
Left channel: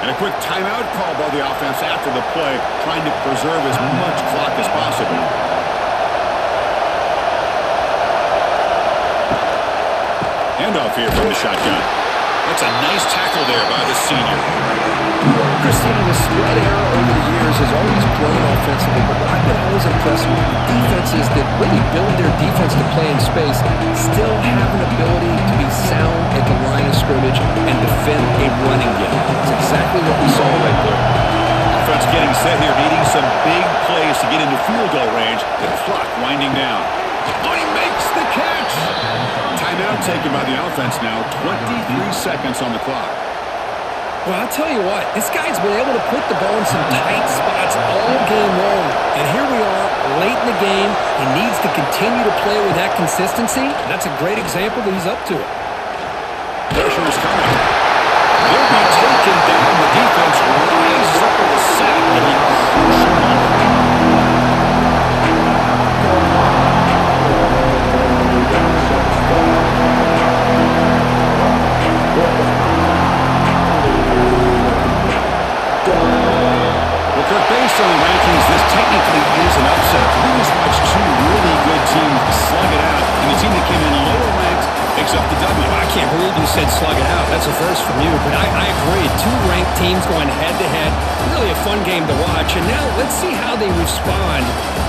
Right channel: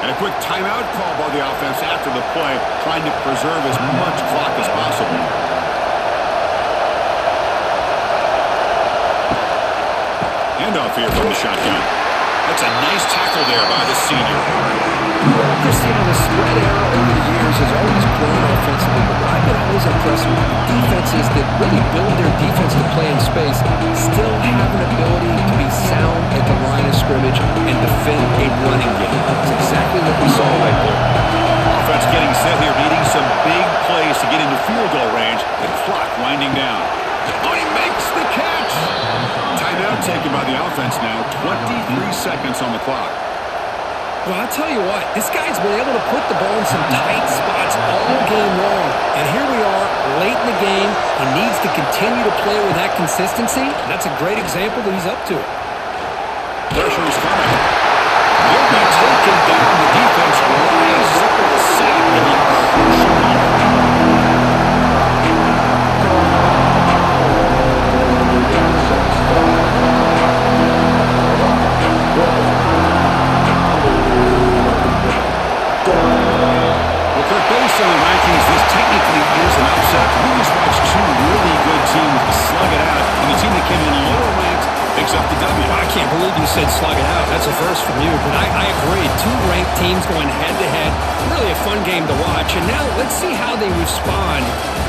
And a quick timeout call by the offense after the play, trying to preserve as much clock as possible. Handoff here from the shotgun. That's a nice tackle there by the senior. Cristiano, the spread era over the years has always grown offensively, but what I've been always impressed with the defenses that really build their defense to play in space still have an ability to be sound at the line of scrimmage and defend a running game. That's exactly what we saw right there. Offense getting set here, needing some big plays to get into field goal range. The clock winding down. Oh, he makes the catch! Timeout taken by the offense now. 23 seconds on the clock. Well, I'll tell you what, this guy's been able to put the ball in some tight spots all game long. And here we are, late in the game. He needs to continue to play with that consistency. And that's a great example that he's up to it. Pressure is coming. He'll be taken down. The defense rises up with a sack in a crucial moment. Well, Kirk, based on the rankings, this technically is an upset. We just watched 2 really good teams slug it out, and the team that came in lower ranked picks up the W. Well, I can't believe you said slug it out. That's a first from you, but I agree. 2 ranked teams going head-to-head. Really a fun game to watch. And now let's see how they respond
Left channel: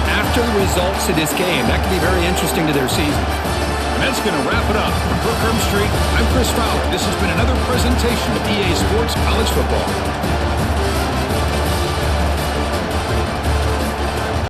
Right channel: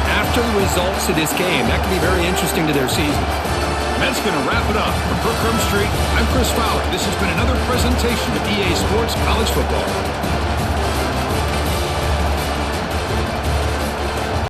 after the results of this game. That could be very interesting to their season. And that's going to wrap it up. For Kirk Street, I'm Chris Fowler. This has been another presentation of EA Sports College Football.